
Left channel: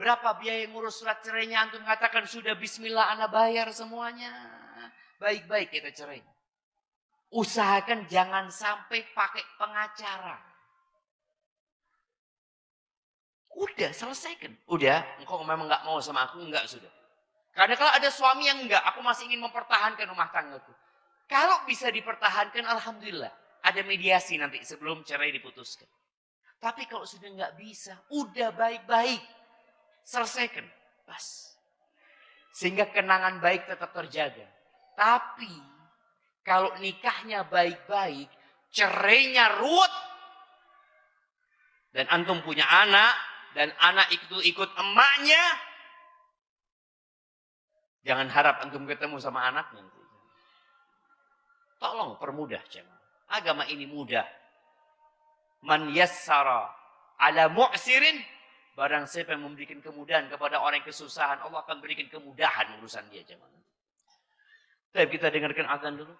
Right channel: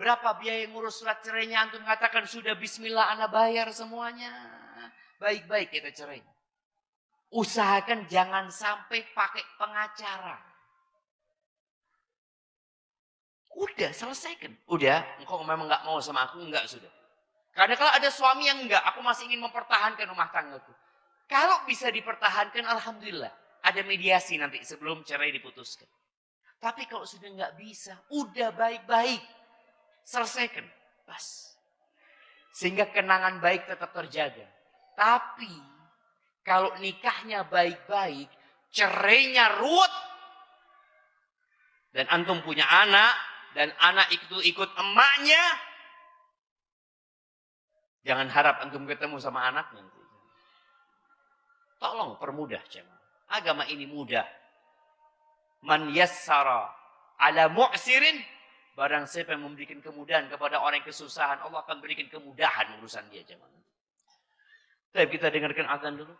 Berapa biaya ngurus surat cerainya antum katakan sudah bismillah ana bayar semuanya. Baik-baik kita cerai. Usahakan jangan sampai pakai pengacara. Udah selesaikan. Udah, engkau memang nggak mau sama aku, enggak sudah. Karena kalau ada suami yang enggak, aku masih ingin mempertahankan rumah tanggaku. Kalau bisa dipertahankan, alhamdulillah. Ada mediasi nanti sebelum cerai diputuskan. Tapi kalau sudah nggak bisa, udah baik-baik. Selesaikan. Pas. Sehingga kenangan baik tetap terjaga. Tapi, kalau nikahnya baik-baik, cerainya ruwet. Dan antum punya anak, dan anak itu ikut emaknya. Jangan harap antum ketemu sama anaknya. Tolong permudah jemaah. Agama ini mudah. Man yassara ala mu'sirin, barang siapa yang memberikan kemudahan kepada orang yang kesusahan, Allah akan berikan kemudahan urusan dia jemaah. Baik, kita dengarkan azan dulu.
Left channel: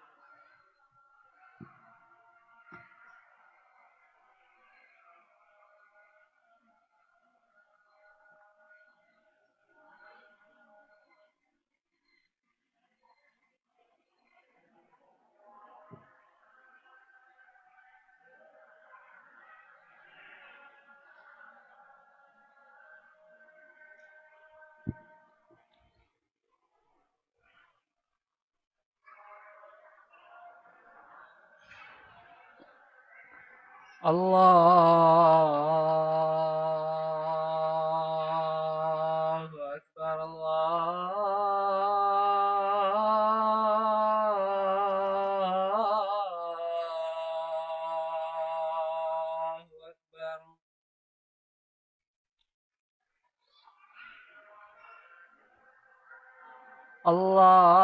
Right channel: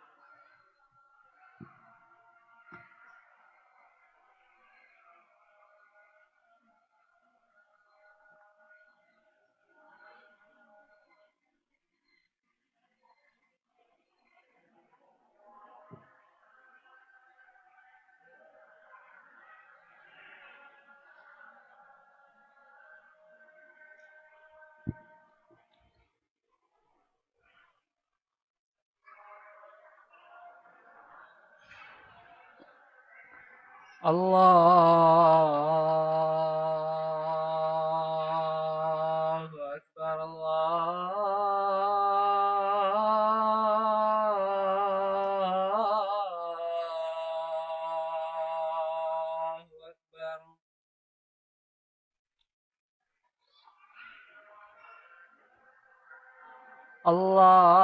Allahu Akbar, Allahu Akbar. Allahu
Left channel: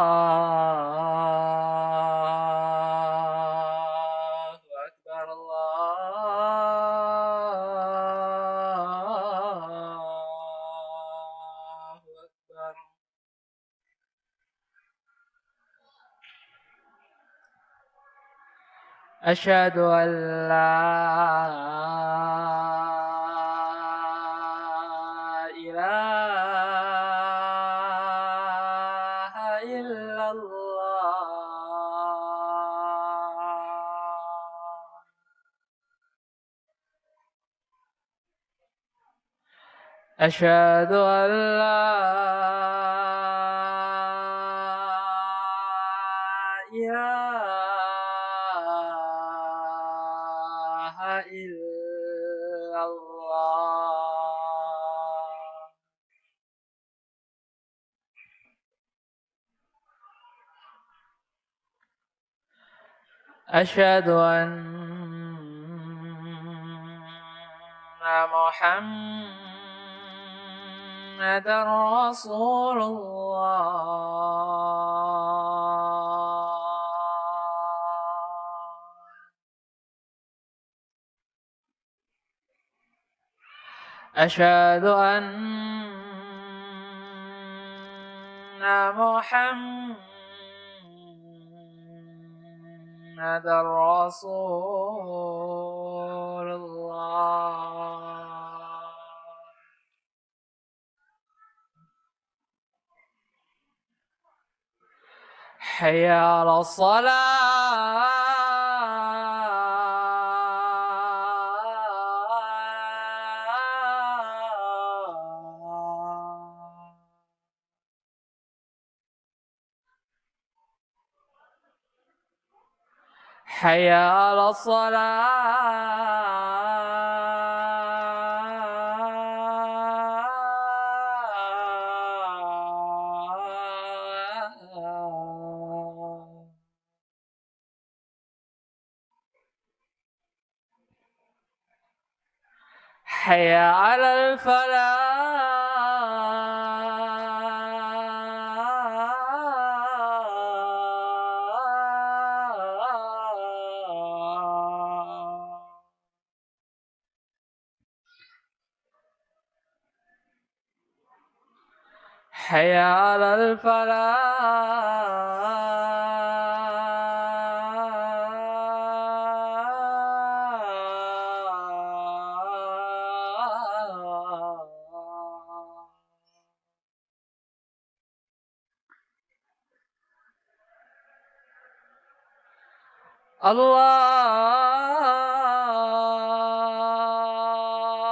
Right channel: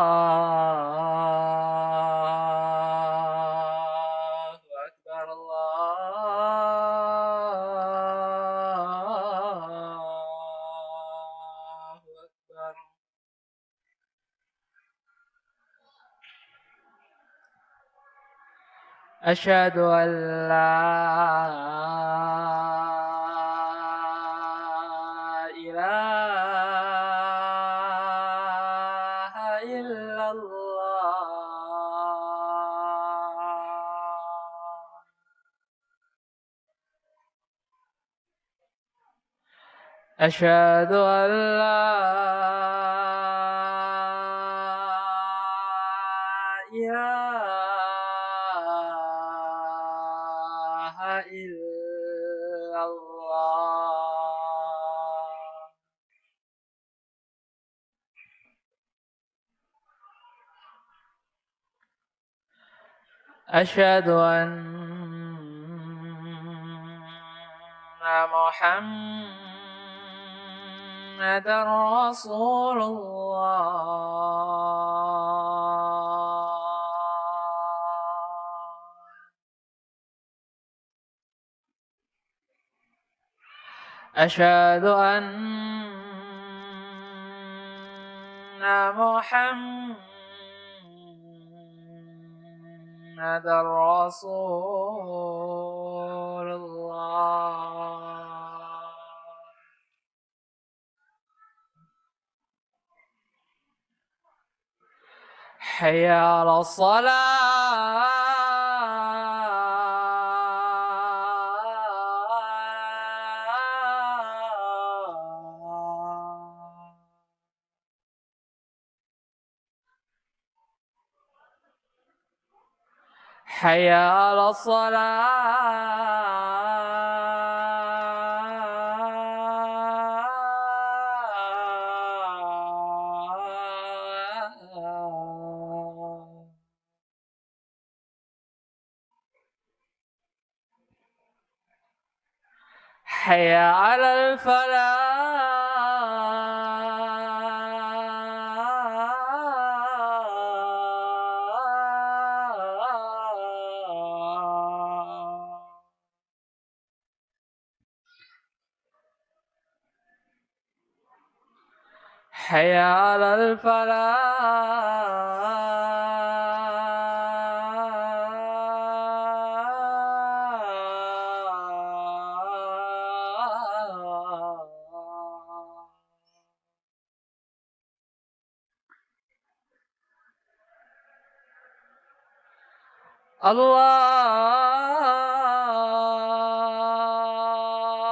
Akbar, Allahu Akbar. Asyhadu an la ilaha illallah. أشهد أن لا إله إلا الله. أشهد أن محمد رسول الله. أشهد أن محمد رسول الله. حي على الصلاة. حي على الصلاة. حي على الفلاح. حي على الفلاح.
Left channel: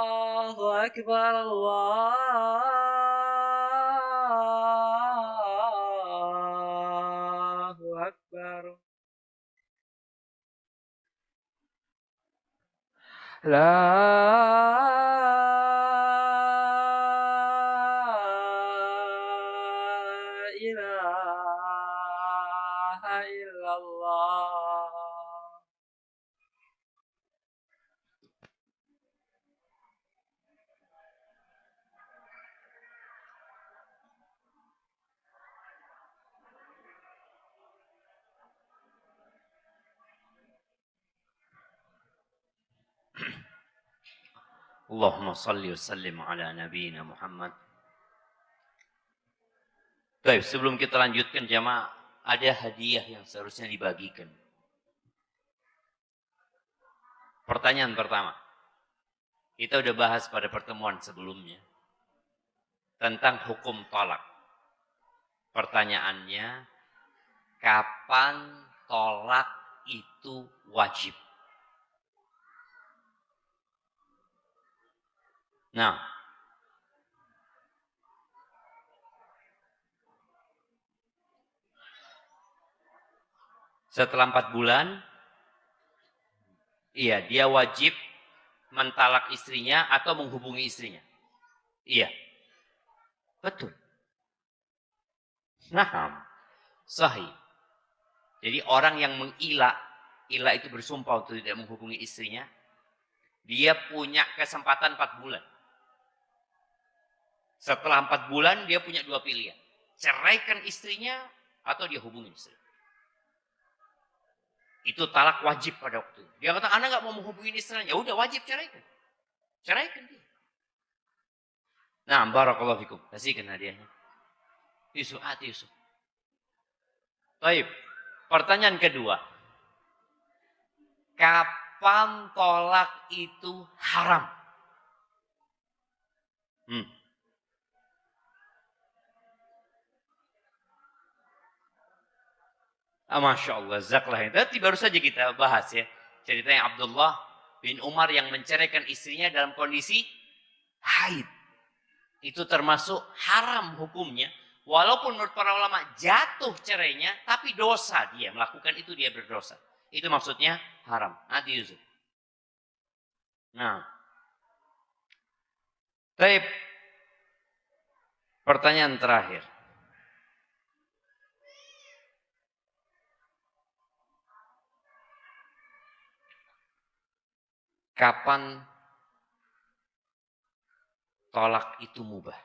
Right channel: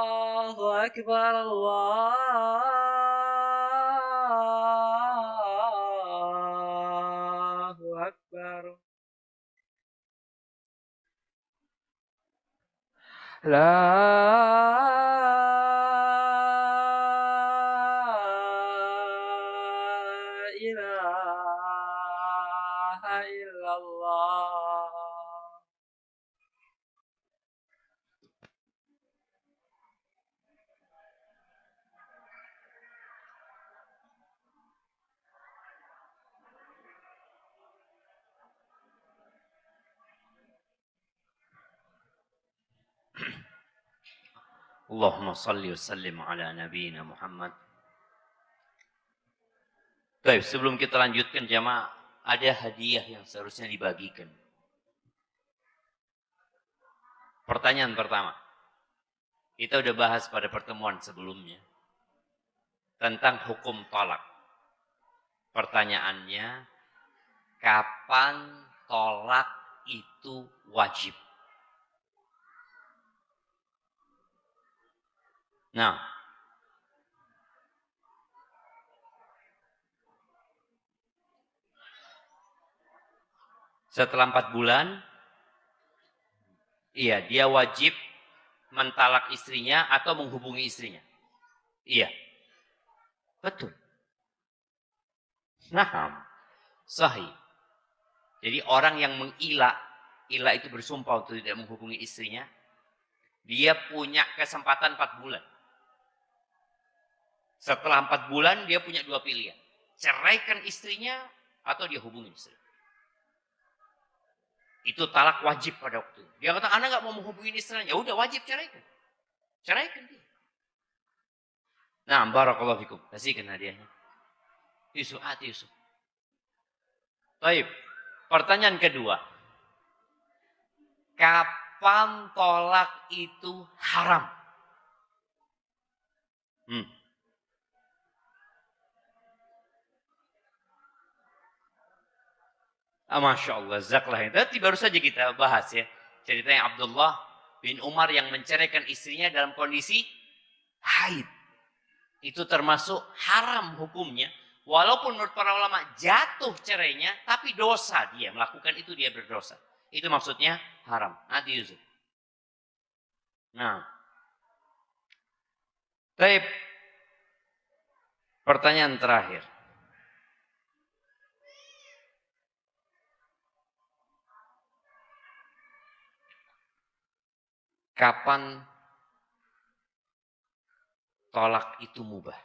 الله أكبر، الله أكبر. لا إله إلا الله. Allahumma salli wa sallim ala nabiyina Muhammad. Baik, sebelum kita lanjutkan jamaah, ada hadiah yang seharusnya dibagikan. Pertanyaan pertama. Kita udah bahas pada pertemuan sebelumnya tentang hukum tolak. Pertanyaannya, kapan tolak itu wajib? Nah, setelah 4 bulan, iya, dia wajib mentalak istrinya atau menghubungi istrinya. Iya, betul. Nah, sahih. Jadi orang yang mengilah, ilah itu bersumpah untuk tidak menghubungi istrinya, dia punya kesempatan 4 bulan. Setelah 4 bulan dia punya 2 pilihan. Ceraikan istrinya atau dia hubungi istri. Itu talak wajib pada waktu itu. Dia kata, Anda nggak mau menghubungi istrinya, ya udah wajib ceraikan. Ceraikan dia. Nah, barakallahu fikum. Kasihkan hadiahnya. Yusuf, Yusuf. Baik. Pertanyaan kedua. Kapan tolak itu haram? Masya Allah, zaklah. Tadi baru saja kita bahas ya. Cerita yang Abdullah bin Umar yang menceraikan istrinya dalam kondisi haid. Itu termasuk haram hukumnya. Walaupun menurut para ulama jatuh cerainya, tapi dosa dia. Melakukan itu dia berdosa. Itu maksudnya haram. Nanti Yusuf. Baik. Pertanyaan terakhir. Kapan tolak itu mubah?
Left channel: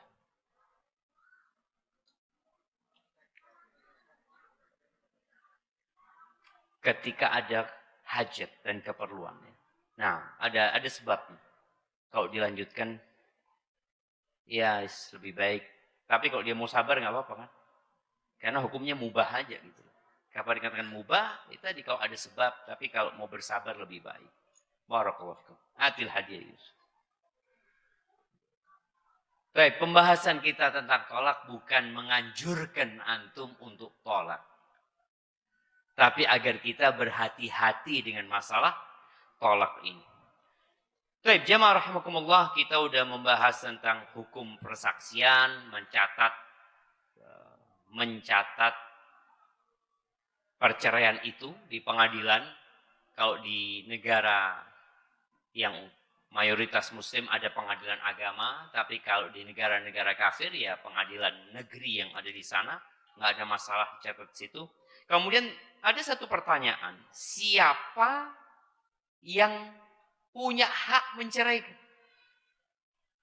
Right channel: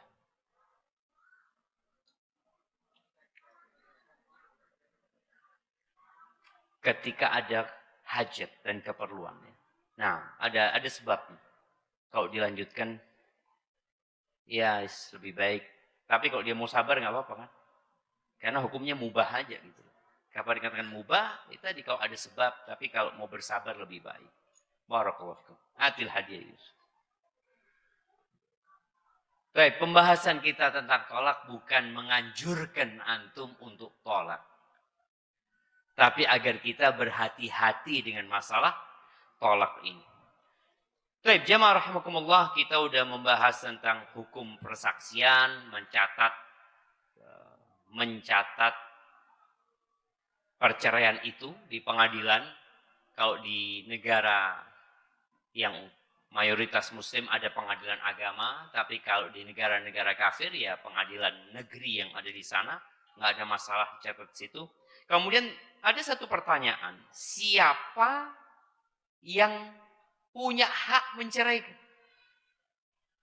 Ketika ada hajat dan keperluan. Nah, ada sebabnya. Kalau dilanjutkan, ya lebih baik. Tapi kalau dia mau sabar nggak apa-apa kan? Karena hukumnya mubah aja. Gitu. Kapan dikatakan mubah? Kita kalau ada sebab. Tapi kalau mau bersabar lebih baik. Barakallahu fikum. Atil hadiah. Baik, pembahasan kita tentang tolak bukan menganjurkan antum untuk tolak. Tapi agar kita berhati-hati dengan masalah tolak ini. Baik, jemaah rahimakumullah, kita udah membahas tentang hukum persaksian, mencatat perceraian itu di pengadilan. Kalau di negara yang mayoritas muslim ada pengadilan agama, tapi kalau di negara-negara kafir ya pengadilan negeri yang ada di sana, nggak ada masalah catat situ. Kemudian ada satu pertanyaan, siapa yang punya hak mencerai itu?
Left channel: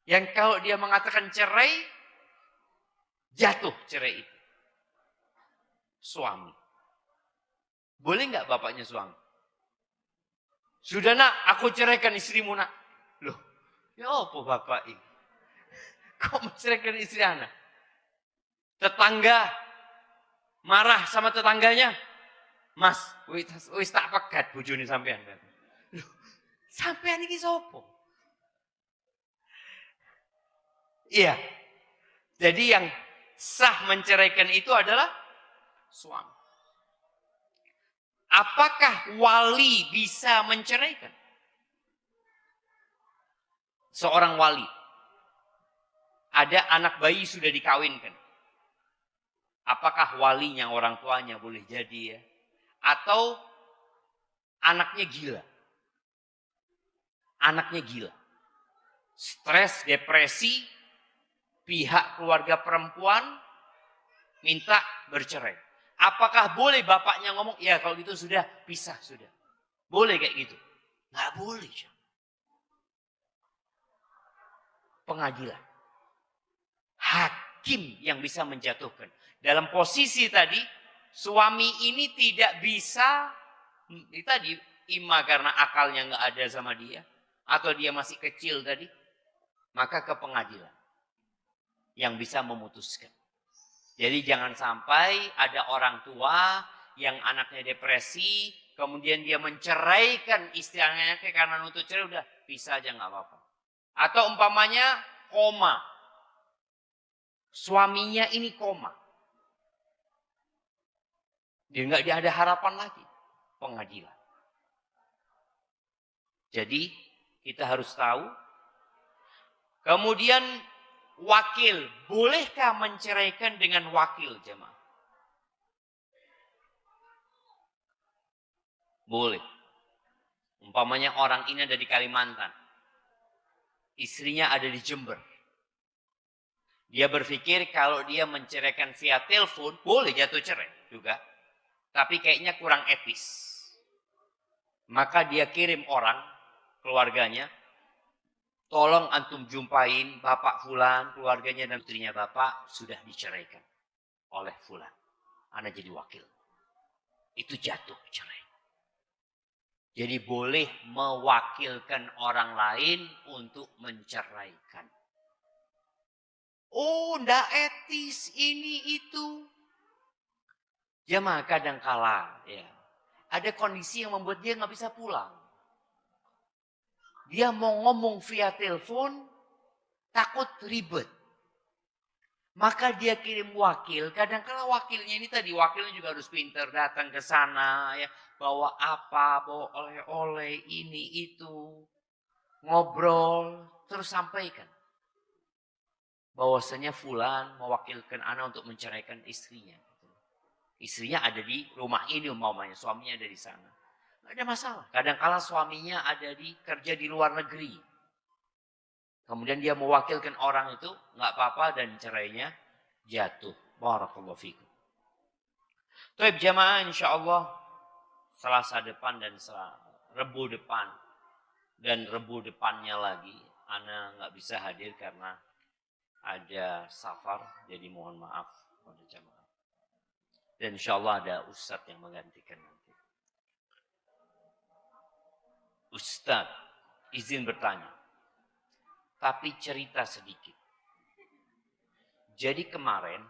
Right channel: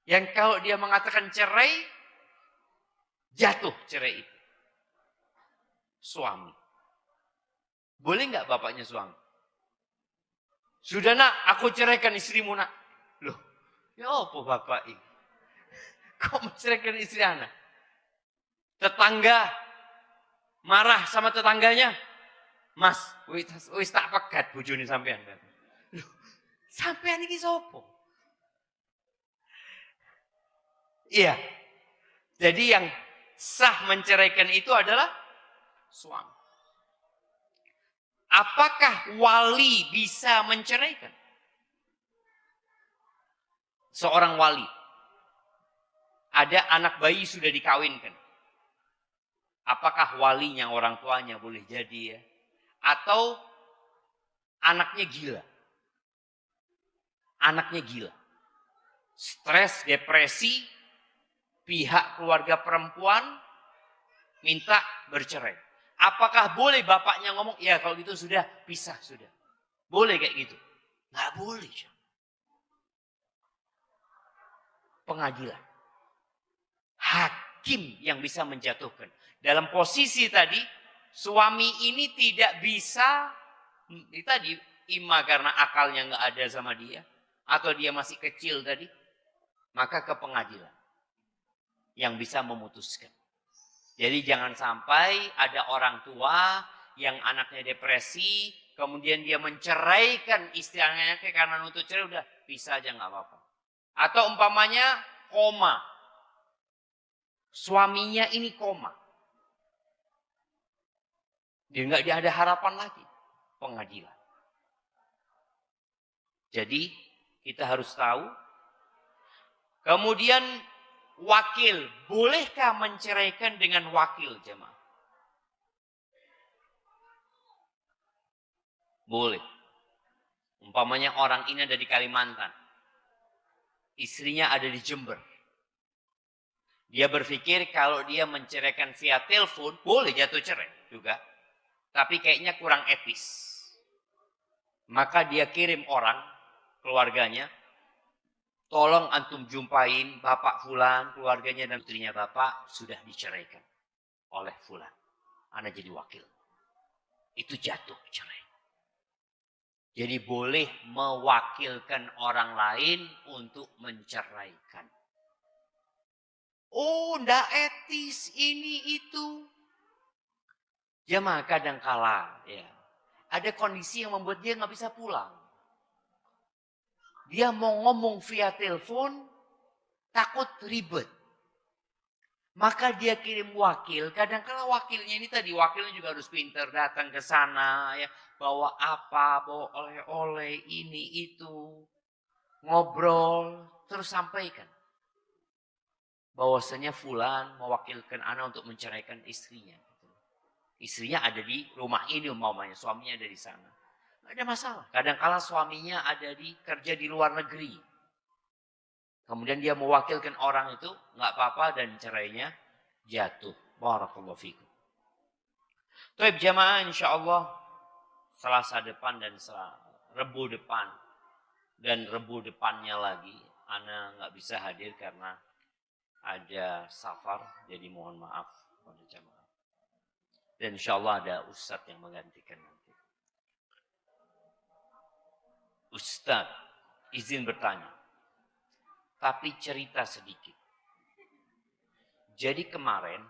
Yang kalau dia mengatakan cerai, jatuh cerai itu. Suami. Boleh nggak bapaknya suami? Sudah nak, aku ceraikan istrimu nak. Loh, ya apa bapak ini? Kamu menceraikan istri anak? Tetangga marah sama tetangganya. Mas, wis tak pegat bojone sampean. Loh, sampean iki sapa? Iya. Jadi yang sah menceraikan itu adalah suami. Apakah wali bisa menceraikan? Seorang wali. Ada anak bayi sudah dikawinkan. Apakah walinya orang tuanya boleh jadi ya? Atau anaknya gila? Anaknya gila. Stres, depresi, pihak keluarga perempuan minta bercerai. Apakah boleh bapaknya ngomong, ya kalau gitu sudah pisah sudah. Boleh kayak gitu? Nggak boleh. Pengadilan. Hakim yang bisa menjatuhkan. Dalam posisi tadi, suami ini tidak bisa, tadi ima karena akalnya nggak ada sama dia, atau dia masih kecil tadi, maka ke pengadilan yang bisa memutuskan. Jadi jangan sampai ada orang tua yang anaknya depresi, kemudian dia menceraikan istilahnya karena nuntut cerai, udah bisa aja nggak apa-apa. Atau umpamanya koma, suaminya ini koma, dia nggak ada harapan lagi, pengadilan. Jadi kita harus tahu. Kemudian wakil, bolehkah menceraikan dengan wakil jemaah? Boleh. Umpamanya orang ini ada di Kalimantan, istrinya ada di Jember. Dia berpikir kalau dia menceraikan via telepon, boleh jatuh cerai juga. Tapi kayaknya kurang etis. Maka dia kirim orang, keluarganya, tolong antum jumpain Bapak Fulan, keluarganya dan istrinya Bapak sudah diceraikan oleh Fulan. Ana jadi wakil. Itu jatuh cerai. Jadi boleh mewakilkan orang lain untuk menceraikan. Oh, ndak etis ini itu. Jemaah kadang kala ya, ada kondisi yang membuat dia nggak bisa pulang. Dia mau ngomong via telepon, takut ribet. Maka dia kirim wakil. Kadang-kala wakilnya ini tadi, wakilnya juga harus pintar datang ke sana ya, bawa apa, bawa oleh-oleh ini itu, ngobrol, terus sampaikan bahwasanya Fulan mewakilkan ana untuk menceraikan istrinya. Istrinya ada di rumah ini umpamanya, suaminya ada di sana. Tidak ada masalah. Kadang-kala suaminya ada di kerja di luar negeri. Kemudian dia mewakilkan orang itu, nggak apa-apa dan cerainya jatuh. Barakallahu fikum. Baik jemaah, insya Allah Selasa depan dan Rebu depan dan Rebu depannya lagi, ana nggak bisa hadir karena ada safar, jadi mohon maaf pada jemaah. Dan insya Allah ada ustadz yang menggantikan. Ustadz, izin bertanya. Tapi cerita sedikit. Jadi kemarin,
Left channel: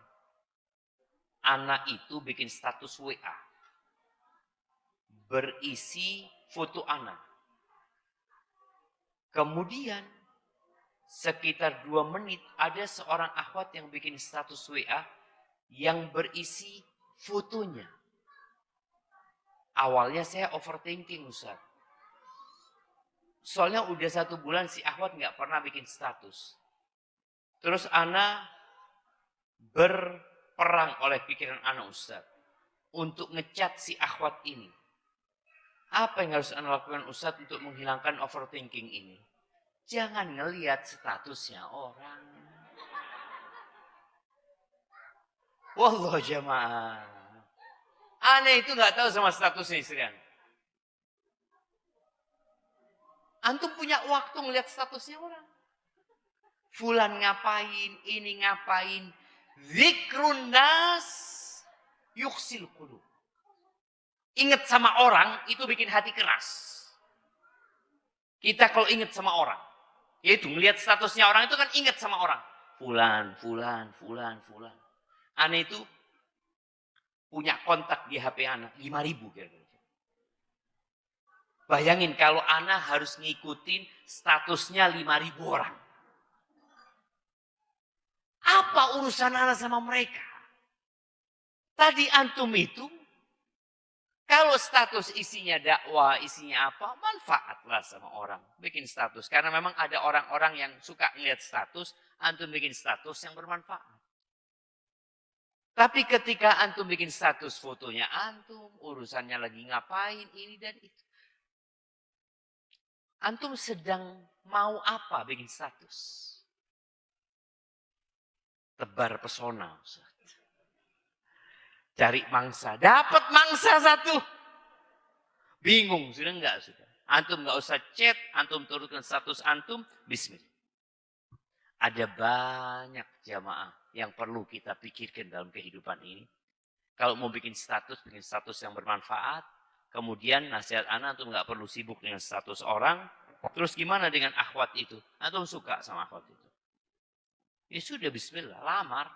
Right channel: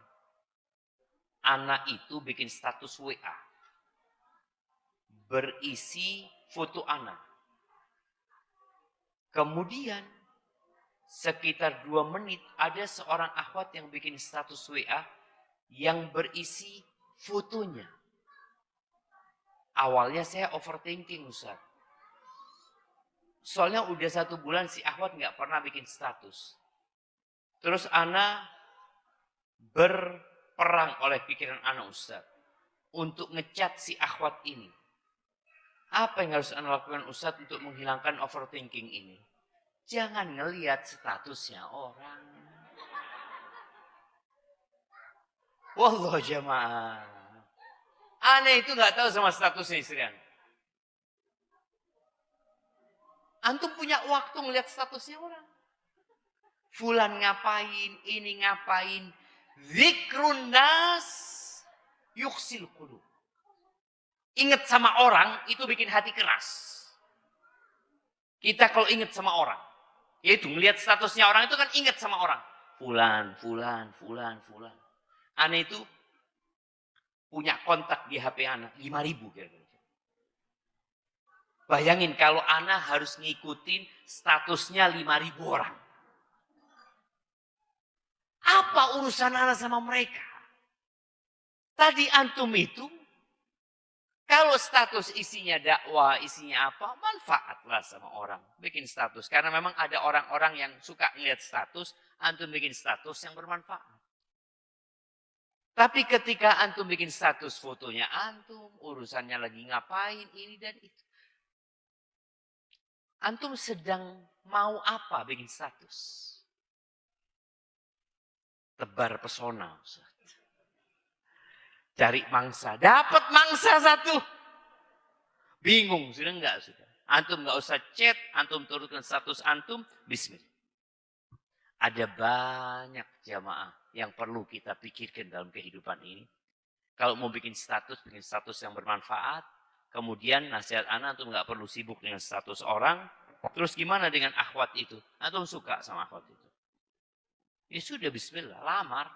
anak itu bikin status WA. Berisi foto anak. Kemudian, sekitar 2 menit, ada seorang akhwat yang bikin status WA yang berisi fotonya. Awalnya saya overthinking, Ustaz. Soalnya udah 1 bulan si akhwat nggak pernah bikin status. Terus ana berperang oleh pikiran ana, Ustaz, untuk ngecat si akhwat ini. Apa yang harus ana lakukan, Ustaz, untuk menghilangkan overthinking ini? Jangan ngelihat statusnya orang. Wallah jamaah. Ana itu nggak tahu sama statusnya istri ana. Antum punya waktu ngelihat statusnya orang. Fulan ngapain, ini ngapain. Zikrun nas yuksil qulub. Ingat sama orang itu bikin hati keras. Kita kalau ingat sama orang, yaitu melihat statusnya orang itu kan ingat sama orang. Fulan, fulan, fulan, fulan. Ana itu punya kontak di HP Ana 5.000 kayaknya. Bayangin kalau Ana harus ngikutin statusnya 5.000 orang. Apa urusan Ana sama mereka? Tadi antum itu, kalau status isinya dakwah, isinya apa, manfaatlah sama orang. Bikin status. Karena memang ada orang-orang yang suka lihat status, antum bikin status yang bermanfaat. Tapi ketika antum bikin status fotonya antum, urusannya lagi ngapain, ini dan itu. Antum sedang mau apa bikin status? Tebar pesona. Cari mangsa. Dapat mangsa satu. Bingung, sudah enggak? Sudah. Antum enggak usah chat, antum turunkan status antum, bismillah. Ada banyak jamaah yang perlu kita pikirkan dalam kehidupan ini. Kalau mau bikin status yang bermanfaat. Kemudian nasihat anak antum enggak perlu sibuk dengan status orang. Terus gimana dengan akhwat itu? Antum suka sama akhwat itu? Ya sudah, bismillah, lamar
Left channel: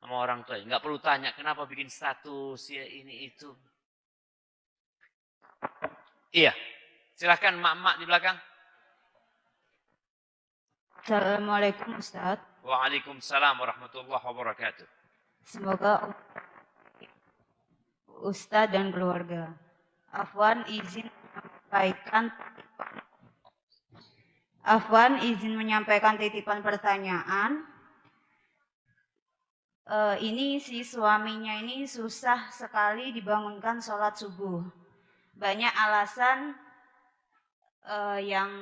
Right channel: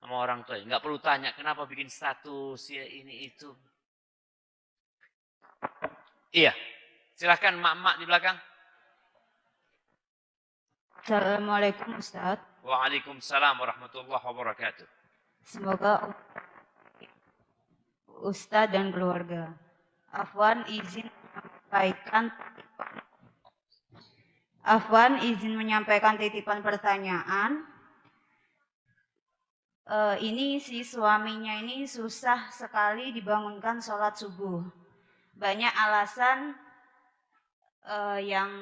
sama orang tua. Enggak perlu tanya kenapa bikin status ya ini itu. Iya, silakan mak-mak di belakang. Assalamualaikum Ustaz. Waalaikumsalam warahmatullahi wabarakatuh. Semoga Ustaz dan keluarga Afwan izin menyampaikan titipan pertanyaan. Ini si suaminya ini susah sekali dibangunkan sholat subuh. Banyak alasan yang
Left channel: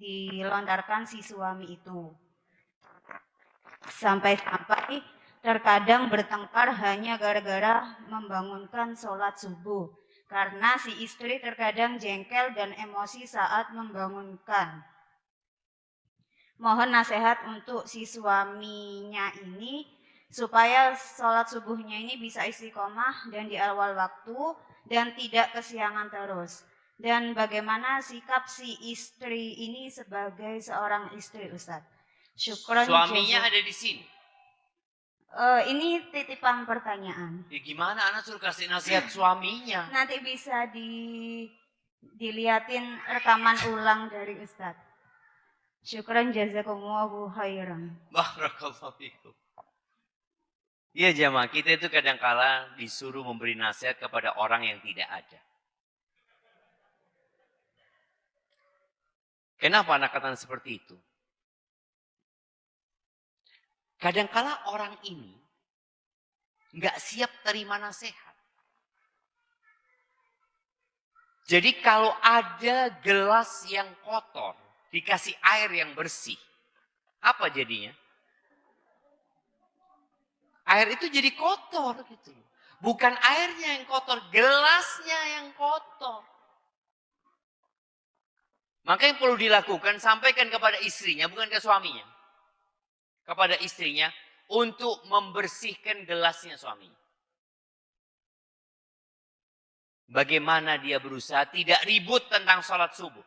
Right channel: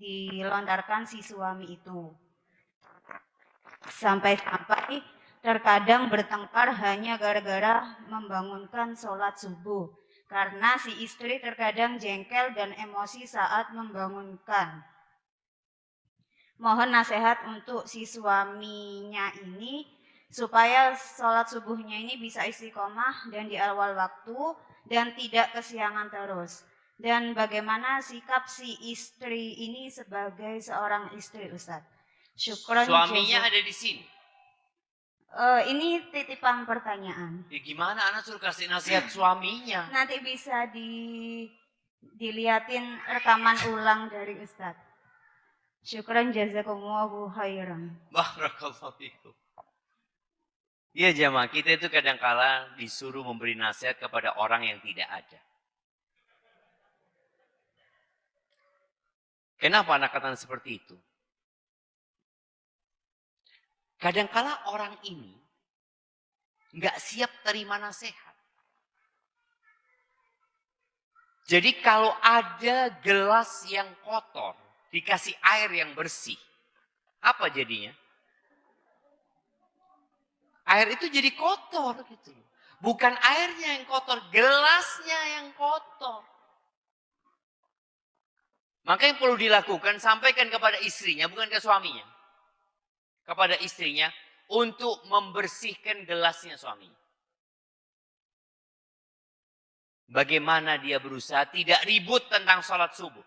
dilontarkan si suami itu. Sampai-sampai terkadang bertengkar hanya gara-gara membangunkan sholat subuh. Karena si istri terkadang jengkel dan emosi saat membangunkan. Mohon nasihat untuk si suaminya ini supaya sholat subuhnya ini bisa istiqomah dan di awal waktu dan tidak kesiangan terus. Dan bagaimana sikap si istri ini sebagai seorang istri, Ustaz? Syukran. Suaminya ada di sini. Ini titipan pertanyaan. Ya gimana anak suruh kasih nasihat suaminya? Nanti bisa dilihatin rekaman ulang dari Ustaz. Syukran jazakumullahu khairan. Barakallahu fikum. Ya jamaah, kita itu kadang-kala disuruh memberi nasihat kepada orang yang tidak ada. Kenapa anak katakan seperti itu? Kadang-kala orang ini nggak siap terima nasihat. Jadi kalau ada gelas yang kotor, dikasih air yang bersih, apa jadinya? Air itu jadi kotor gitu. Bukan airnya yang kotor, gelasnya yang kotor. Maka yang perlu dilakukan, sampaikan kepada istrinya, bukan ke suaminya. Kepada istrinya, untuk membersihkan gelasnya suaminya. Bagaimana dia berusaha tidak ribut tentang sholat subuh.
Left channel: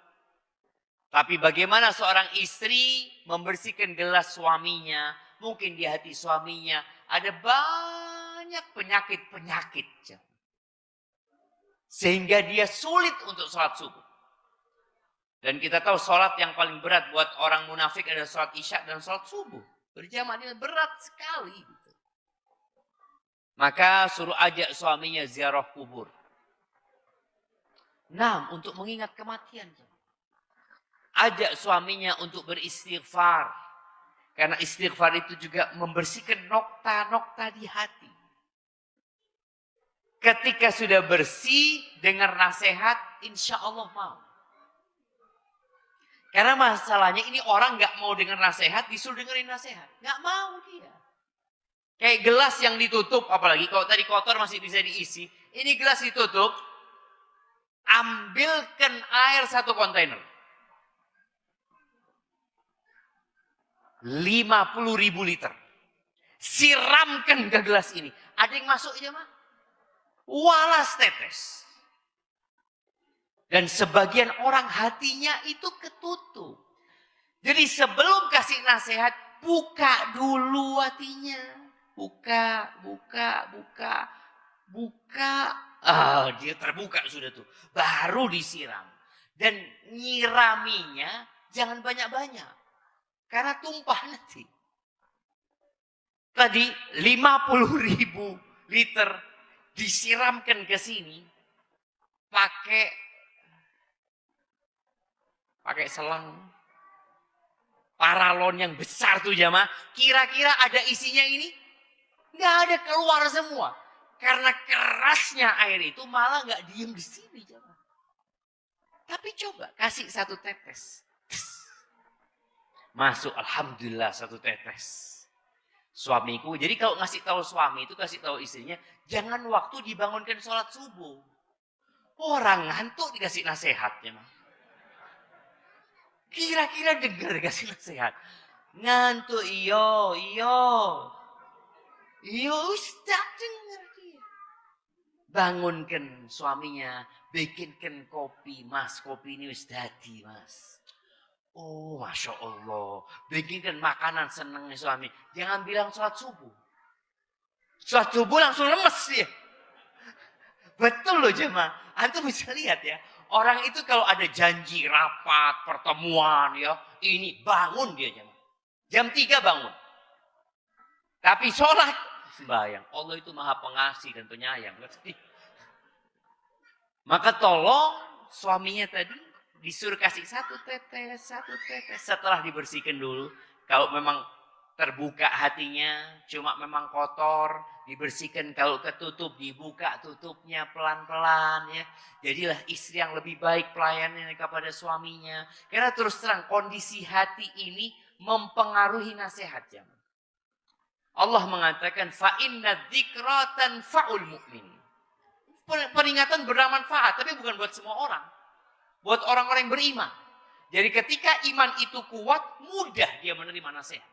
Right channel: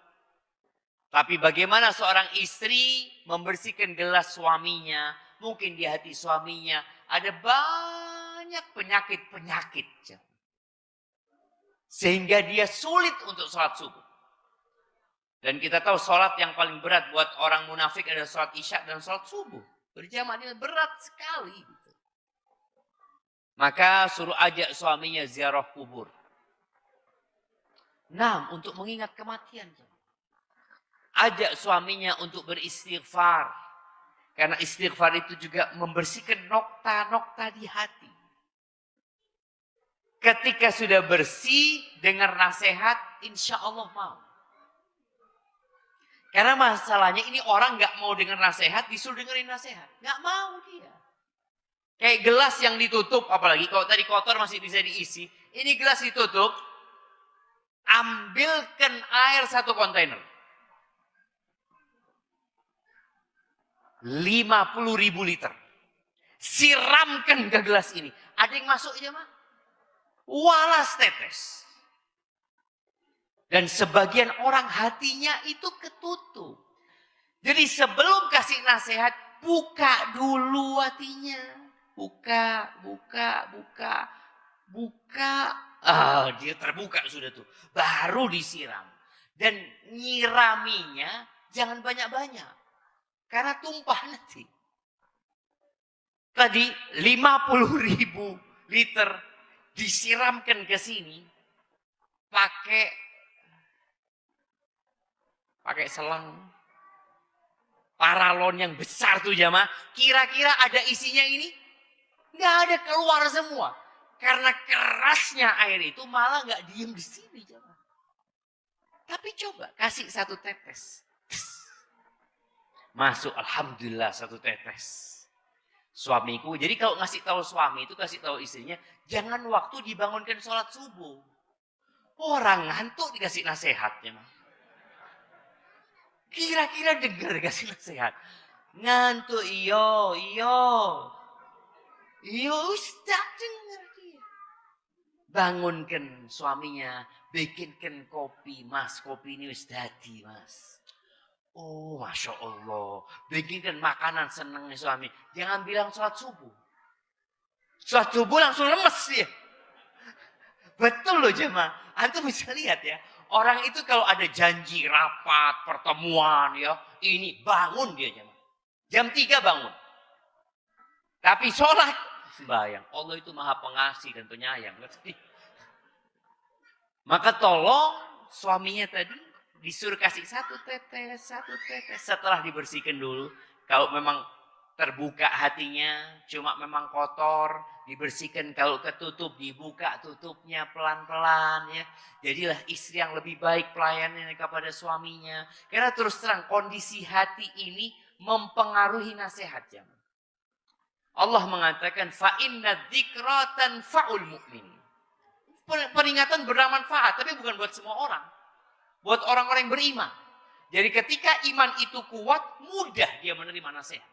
Tapi bagaimana seorang istri membersihkan gelas suaminya. Mungkin di hati suaminya ada banyak penyakit-penyakit. Sehingga dia sulit untuk sholat subuh. Dan kita tahu sholat yang paling berat buat orang munafik adalah sholat isya dan sholat subuh. Berjamaah ini berat sekali. Maka suruh ajak suaminya ziarah kubur. Nah, untuk mengingat kematian. Ajak suaminya untuk beristighfar. Karena istighfar itu juga membersihkan nokta-nokta di hati. Ketika sudah bersih, dengar nasihat, insya Allah mau. Karena masalahnya ini orang gak mau dengar nasihat, disuruh dengerin nasihat. Gak mau dia. Kayak gelas yang ditutup, apalagi kalau tadi kotor masih bisa diisi. Ini gelas ditutup, ambilkan air 1 kontainer. 50.000 liter. Siramkan ke gelas ini. Ada yang masuk aja mah? Walas tetes. Dan sebagian orang hatinya itu ketutup. Jadi sebelum kasih nasihat, buka dulu hatinya. Buka. Dia terbuka sudah tuh. Baru disiram. Dan nyiraminya jangan banyak-banyak. Karena tumpah nanti. Tadi 50.000 liter disiramkan ke sini. Pakai selang paralon yang besar tuh jamaah. Kira-kira ada isinya ini? Nggak ada, keluar semua. Karena kerasnya air itu malah nggak diem di sini jamaah. Tapi coba kasih 1 tetes. Masuk, alhamdulillah 1 tetes. Suamiku, jadi kalau ngasih tahu suami itu kasih tahu istrinya, jangan waktu dibangunkan sholat subuh. Orang ngantuk dikasih nasihat jamaah. Kira-kira dengar dikasih nasihat. Ngantuk, iyo. Ustaz dengar dia. Bangunkan suaminya, bikinkan kopi, mas. Kopi ini Ustaz jadi, mas. Oh, Masya Allah. Bikinkan makanan senangnya suami. Jangan bilang sholat subuh. Sholat subuh langsung lemes dia. Betul loh jemaah. Antum bisa lihat ya. Orang itu kalau ada janji, rapat, pertemuan ya. Ini bangun dia. Jam 3 bangun. Tapi sholat. Bayang. Allah itu maha pengasih dan penyayang. Maka tolong suaminya tadi disuruh kasih 1 tetes. Setelah dibersihkan dulu. Kalau memang terbuka hatinya, cuma memang kotor, dibersihkan. Kalau ketutup, dibuka tutupnya pelan-pelan ya. Jadilah istri yang lebih baik pelayanannya kepada suaminya. Karena terus terang kondisi hati ini mempengaruhi nasihatnya. Allah mengatakan fa inna dzikra tanfa'ul mu'min. Peringatan bermanfaat, tapi bukan buat semua orang. Buat orang-orang yang beriman. Jadi ketika iman itu kuat, mudah dia menerima nasihat.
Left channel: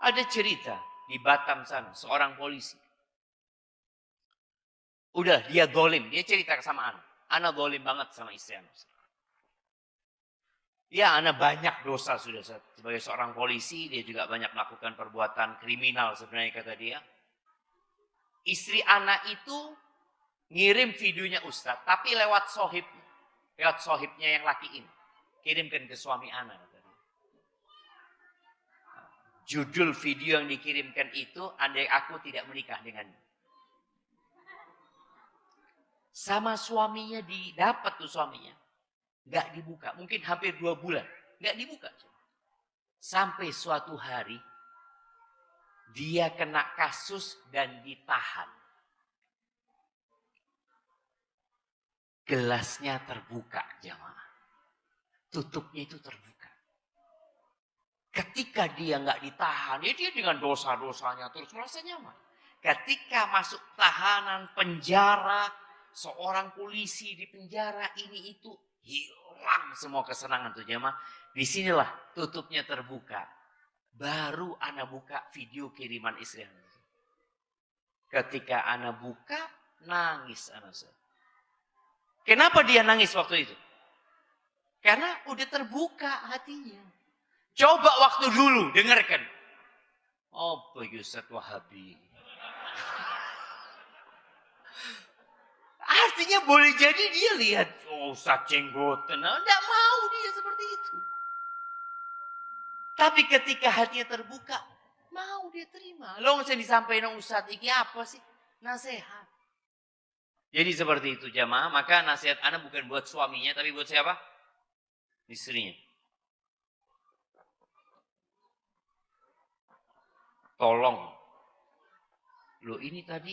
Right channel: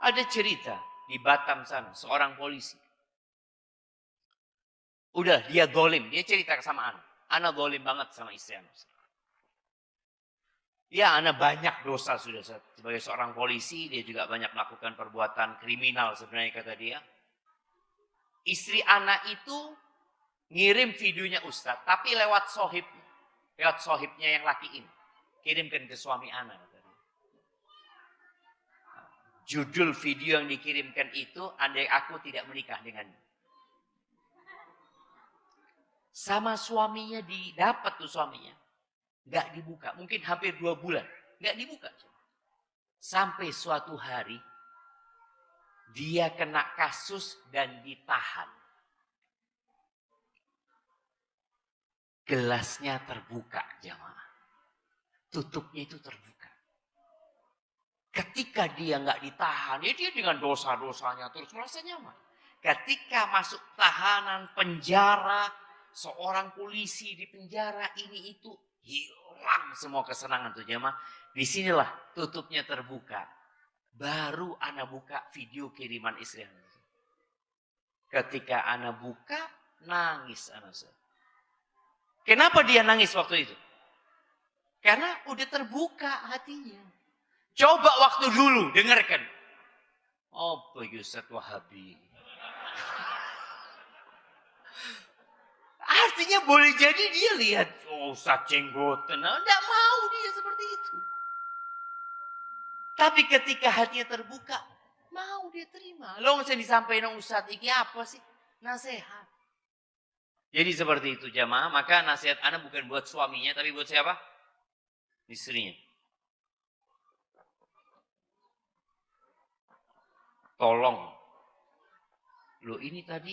Ada cerita di Batam sana, seorang polisi. Udah, dia zalim. Dia cerita sama anak. Anak zalim banget sama istri anak. Ya, anak banyak dosa sudah. Sebagai seorang polisi, dia juga banyak melakukan perbuatan kriminal sebenarnya kata dia. Istri anak itu ngirim videonya Ustaz, tapi lewat sohibnya yang laki ini. Kirimkan ke suami anak. Judul video yang dikirimkan itu, andai aku tidak menikah denganmu. Sama suaminya didapat tuh suaminya. Gak dibuka, mungkin hampir 2 bulan. Gak dibuka. Sampai suatu hari, dia kena kasus dan ditahan. Gelasnya terbuka jamaah. Tutupnya itu terbuka. Ketika dia nggak ditahan, ya dia dengan dosa-dosanya terus merasa nyaman. Ketika masuk tahanan penjara, seorang polisi di penjara ini itu hilang semua kesenangan tuh jamaah. Disinilah tutupnya terbuka. Baru ana buka video kiriman istri ana. Ketika ana buka, nangis ana. Kenapa dia nangis waktu itu? Karena udah terbuka hatinya. Coba waktu dulu, dengarkan. Oh, Ustaz Wahabi. Artinya boleh jadi dia lihat, oh Ustaz jenggotan. Tidak mau dia seperti itu. Tapi ketika hatinya terbuka, mau dia terima. Lo nggak bisa disampaikan Ustaz, ini apa sih? Nasihat. Jadi seperti itu jamaah, maka nasihat Anda bukan buat suaminya, tapi buat siapa? Istrinya. Tolong. Lo ini tadi,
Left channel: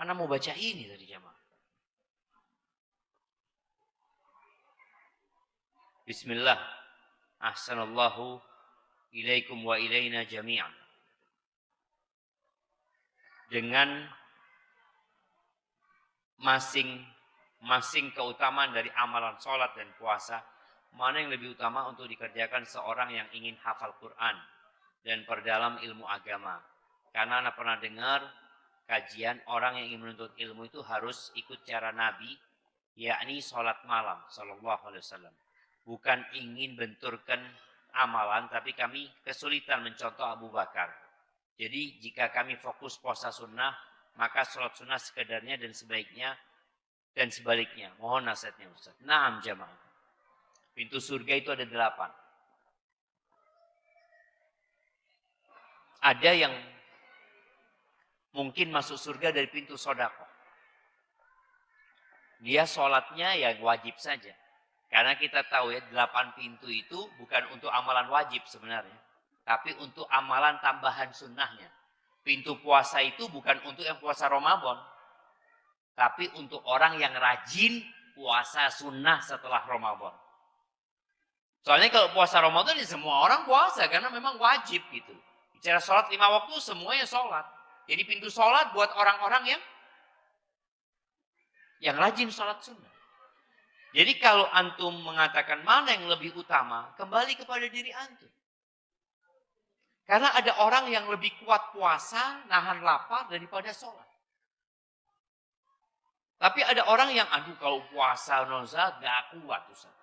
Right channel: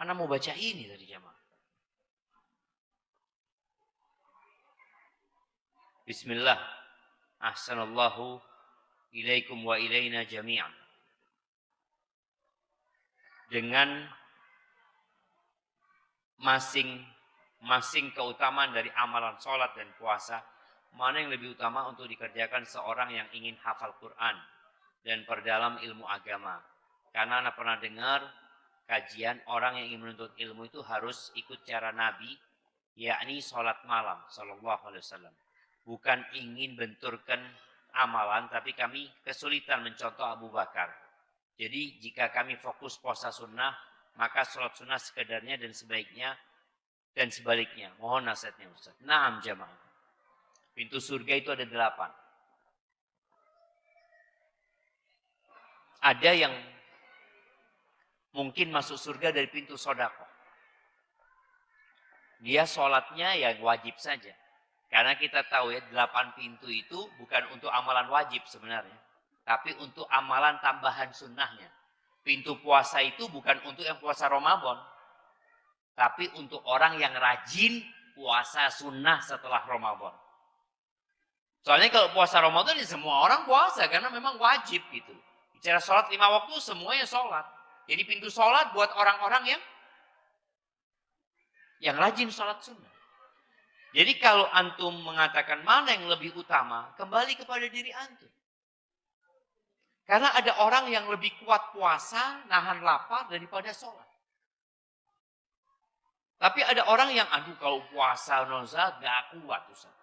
Anda mau baca ini tadi jamaah. Bismillah. Ahsanallahu ilaikum wa ilaina jami'an. Dengan masing-masing keutamaan dari amalan sholat dan puasa, mana yang lebih utama untuk dikerjakan seorang yang ingin hafal Quran dan perdalam ilmu agama. Karena Anda pernah dengar kajian orang yang ingin menuntut ilmu itu harus ikut cara Nabi, yakni sholat malam, sallallahu alaihi wasallam. Bukan ingin benturkan amalan, tapi kami kesulitan mencontoh Abu Bakar. Jadi jika kami fokus puasa sunnah, maka sholat sunnah sekedarnya dan sebaiknya dan sebaliknya. Mohon nasihatnya Ustaz. 6 jamaah. Pintu surga itu ada 8. Ada yang mungkin masuk surga dari pintu sedekah. Dia sholatnya ya wajib saja. Karena kita tahu ya 8 pintu itu bukan untuk amalan wajib sebenarnya. Tapi untuk amalan tambahan sunnahnya. Pintu puasa itu bukan untuk yang puasa Ramadan. Tapi untuk orang yang rajin puasa sunnah setelah Ramadan. Soalnya kalau puasa Ramadan ya semua orang puasa karena memang wajib gitu. Bicara sholat 5 waktu semuanya sholat. Jadi pintu sholat buat orang-orang yang rajin sholat sunnah. Jadi kalau antum mengatakan mana yang lebih utama, kembali kepada diri antum. Karena ada orang yang lebih kuat puasa nahan lapar daripada sholat. Tapi ada orang yang aduh kalau puasa nozat gak kuat Ustaz.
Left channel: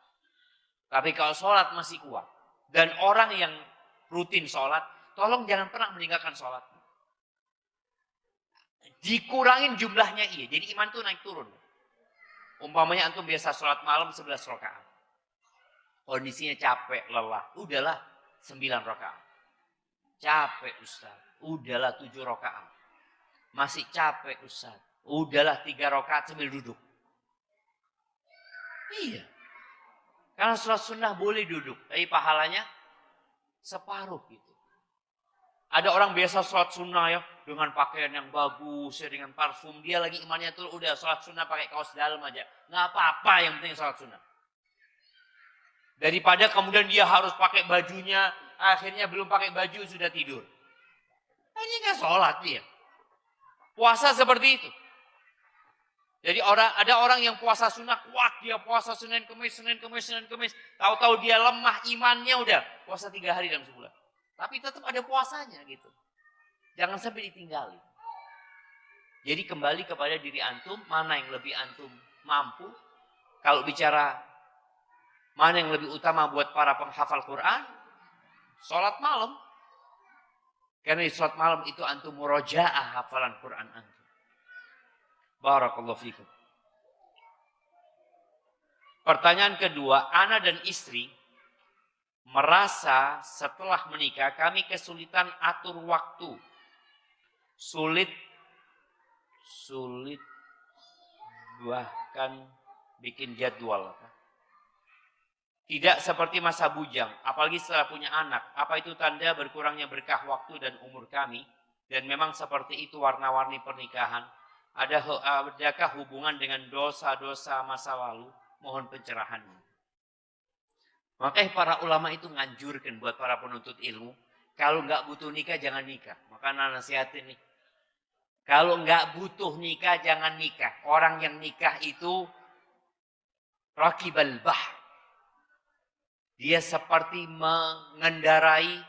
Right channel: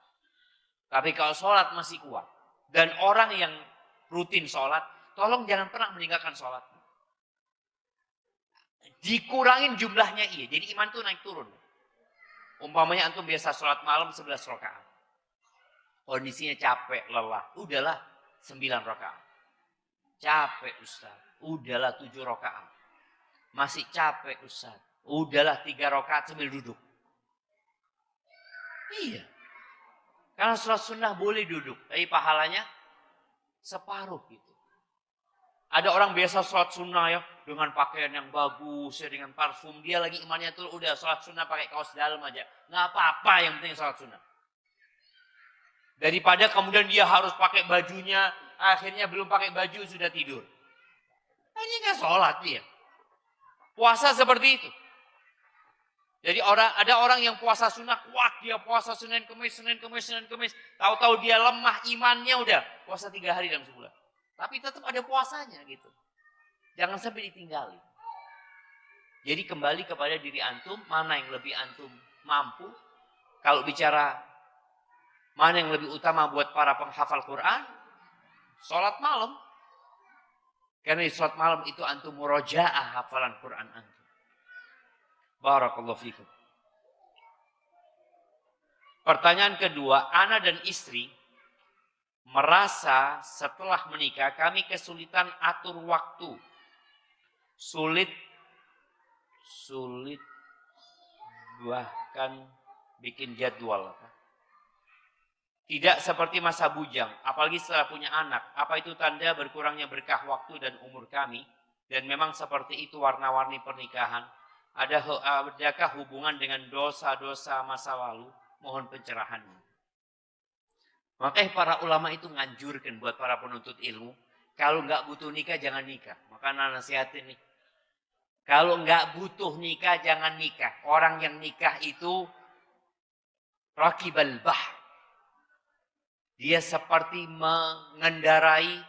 Tapi kalau sholat masih kuat. Dan orang yang rutin sholat, tolong jangan pernah meninggalkan sholat. Dikurangin jumlahnya iya. Jadi iman itu naik turun. Umpamanya antum biasa sholat malam 11 rakaat. Kondisinya capek, lelah. Udahlah 9 rakaat. Capek Ustaz. Udahlah 7 rakaat. Masih capek Ustaz. Udahlah 3 rakaat sambil duduk. Iya. Kalau sholat sunnah boleh duduk. Tapi pahalanya separuh gitu. Ada orang biasa sholat sunnah ya. Dengan pakaian yang bagus, ya, dengan parfum. Dia lagi imannya tuh udah sholat sunnah pakai kaos dalam aja. Nggak apa-apa yang penting sholat sunnah. Daripada kemudian dia harus pakai bajunya. Akhirnya belum pakai baju sudah tidur. Oh, ini nggak sholat dia. Puasa seperti itu. Jadi ada orang yang puasa sunnah kuat. Dia puasa Senin Kemis. Tahu-tahu dia lemah imannya udah. Puasa 3 hari dalam sebulan. Tapi tetap ada puasanya gitu. Jangan sampai ditinggali. Jadi kembali kepada diri antum. Mana yang lebih antum mampu. Kalau bicara mana yang lebih utama buat para penghafal Quran. Sholat malam. Karena di sholat malam itu antum murojaah hafalan Quran antum. Barakallahu fikum. Pertanyaan kedua, ana dan istri merasa setelah menikah kami kesulitan atur waktu. Sulit bahkan bikin jadwal. Tidak seperti masa bujang, apalagi setelah punya anak. Apa itu tanda berkurangnya berkah waktu dan umur kami? Dan memang seperti itu warna-warni pernikahan. Adakah hubungan dengan dosa-dosa masa lalu? Mohon pencerahanmu. Makanya para ulama itu nganjurkan buat para penuntut ilmu. Kalau nggak butuh nikah, jangan nikah. Makanya nasihatin nih. Kalau nggak butuh nikah, jangan nikah. Orang yang nikah itu rakibal bahr. Dia seperti mengendarai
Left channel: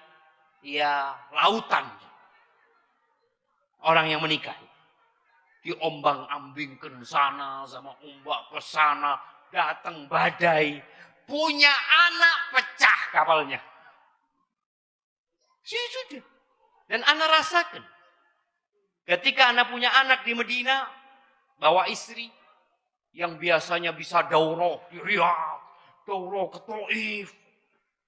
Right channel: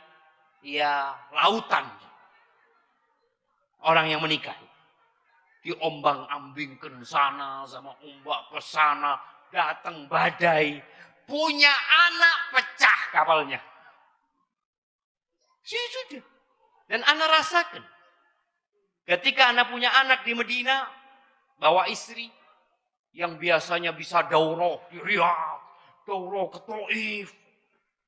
lautan. Orang yang menikah. Diombang-ambingkan sana sama ombak ke sana. Datang badai. Punya anak pecah kapalnya. Sudah. Dan anak rasakan. Ketika anak punya anak di Medina. Bawa istri. Yang biasanya bisa daurah di Riyadh. Daurah ke Taif.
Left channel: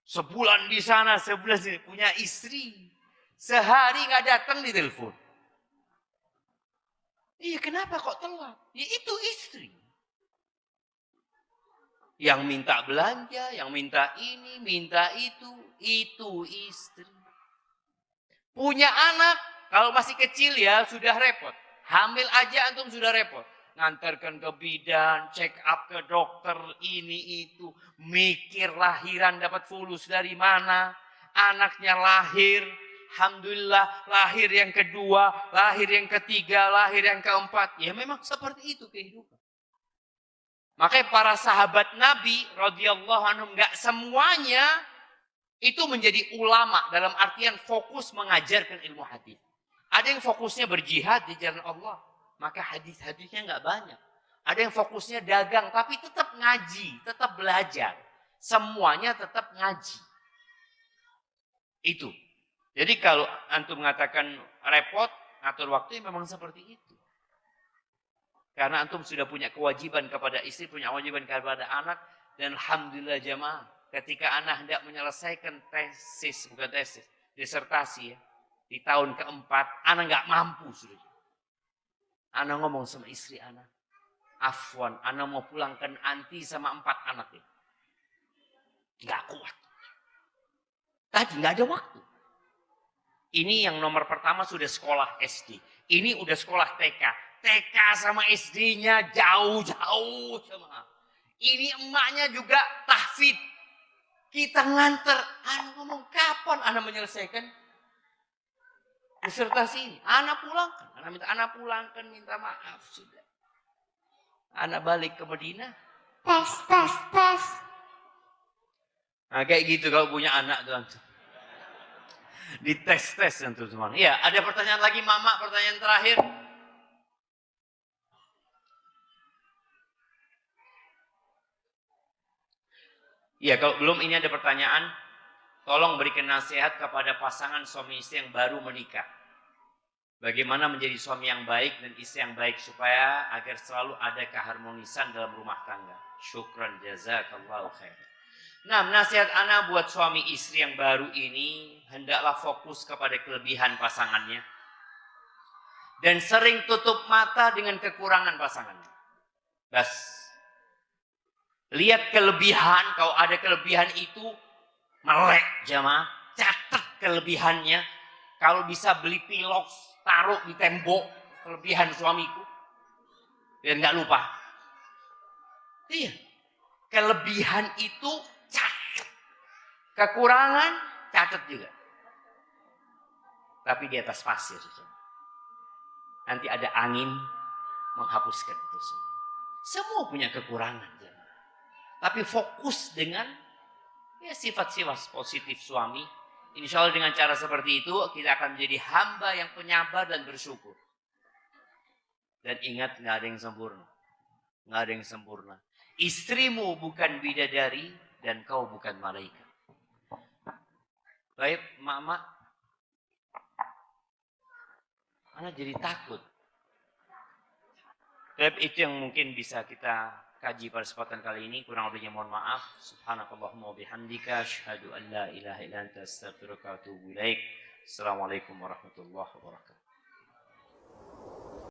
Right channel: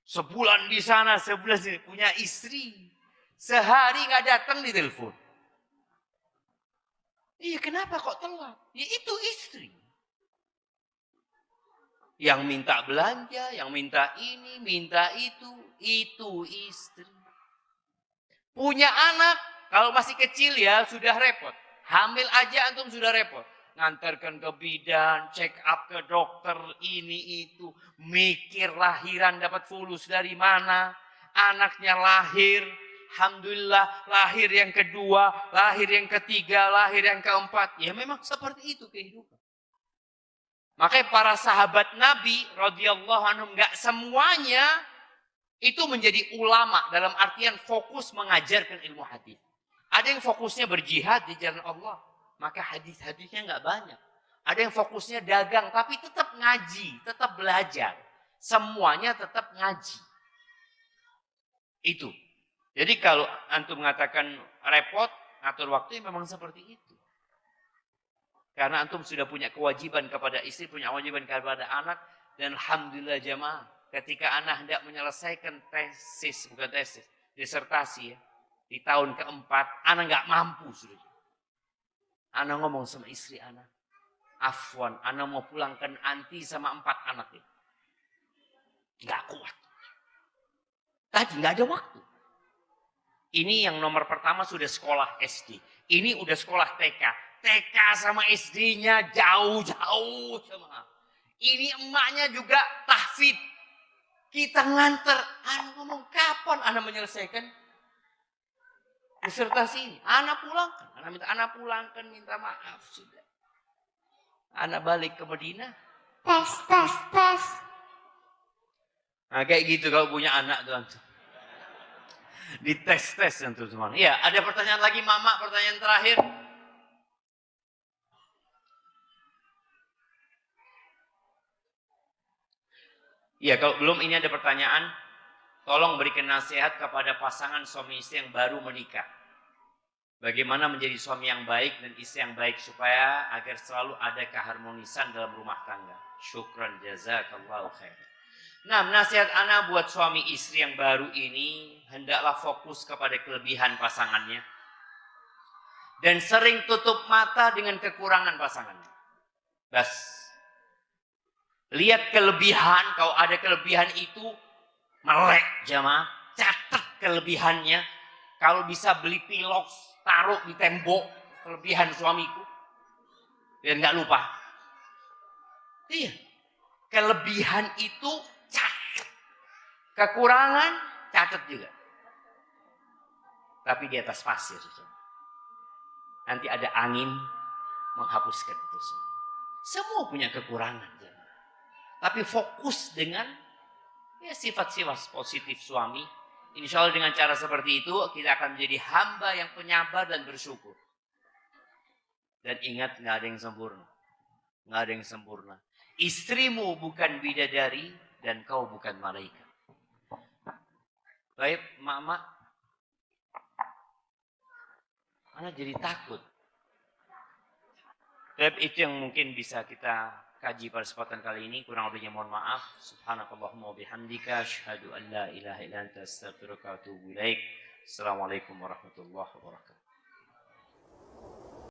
Sebulan di sana, sebelah sini. Punya istri. Sehari gak datang di telepon. Iya kenapa kok telat? Ya itu istri. Yang minta belanja, yang minta ini, minta itu istri. Punya anak, kalau masih kecil ya sudah repot. Hamil aja antum sudah repot. Ngantarkan ke bidan, check up ke dokter, ini itu. Mikir lahiran dapat fulus dari mana. Anaknya lahir. Alhamdulillah lahir yang kedua, lahir yang ketiga, lahir yang keempat. Ya memang seperti itu kehidupan. Makanya para sahabat Nabi radhiyallahu anhum enggak semuanya itu menjadi ulama dalam artian fokus mengajarkan ilmu hadis. Ada yang fokusnya berjihad di jalan Allah, maka hadis-hadisnya enggak banyak. Ada yang fokusnya dagang tapi tetap ngaji, tetap belajar. Semuanya tetap ngaji. Itu. Jadi kalau antum mengatakan repot, atur waktu memang seperti itu. Karena antum sudah punya kewajiban kepada istri, punya kewajiban kepada anak. Dan alhamdulillah jamaah, ketika anak hendak menyelesaikan tesis, bukan tesis, disertasi ya, di tahun keempat, anak nggak mampu sudah. Anak ngomong sama istri anak, Afwan, anak mau pulangkan anti sama 4 anak ini. Nggak kuat. Tadi nggak ada waktu. Ini yang nomor pertama sudah sekolah SD. Ini udah sekolah TK. TK sama SD-nya jauh-jauh sama. Ini emaknya juga tahfidz. Kita nganter. Anak ngomong kapan anak menyelesaikan disertasi ini? Anak pulangkan. Anak pulangkan, minta maaf sudah. Anak balik ke Madinah. Tes. Nah, kayak gitu kalau punya anak tuh. Dites nanti semua. Iya, ada pertanyaan lagi Mama, pertanyaan terakhir. Ya, kalau belum ini ada pertanyaan, tolong berikan nasihat kepada pasangan suami istri yang baru menikah. Bagaimana menjadi suami yang baik dan istri yang baik supaya agar selalu ada keharmonisan dalam rumah tangga. Syukran jazakallahu khair. Nah, nasihat ana buat suami istri yang baru ini, hendaklah fokus kepada kelebihan pasangannya. Dan sering tutup mata dengan kekurangan pasangannya. Bas. Lihat kelebihan, kalau ada kelebihan itu, melek jamaah, catat kelebihannya. Kalau bisa beli pilok, taruh di tembok, kelebihan suamiku. Dan gak lupa. Iya, kelebihan itu catat. Kekurangan, catat juga. Tapi di atas pasir. Nanti ada angin menghapuskan itu semua. Semua punya kekurangan. Jamaah. Tapi fokus dengan ya, sifat-sifat positif suami. Insya Allah dengan cara seperti itu kita akan menjadi hamba yang penyabar dan bersyukur. Dan ingat nggak ada yang sempurna. Nggak ada yang sempurna. Istrimu bukan bidadari dan kau bukan malaikat. Baik, Mama. Anak jadi takut. Tapi itu yang mungkin bisa kita kaji pada kesempatan kali ini. Kurang lebihnya mohon maaf. Subhanakallahumma bihamdika asyhadu an la ilaha illa anta astaghfiruka wa atubu ilaik. Assalamualaikum warahmatullahi wabarakatuh.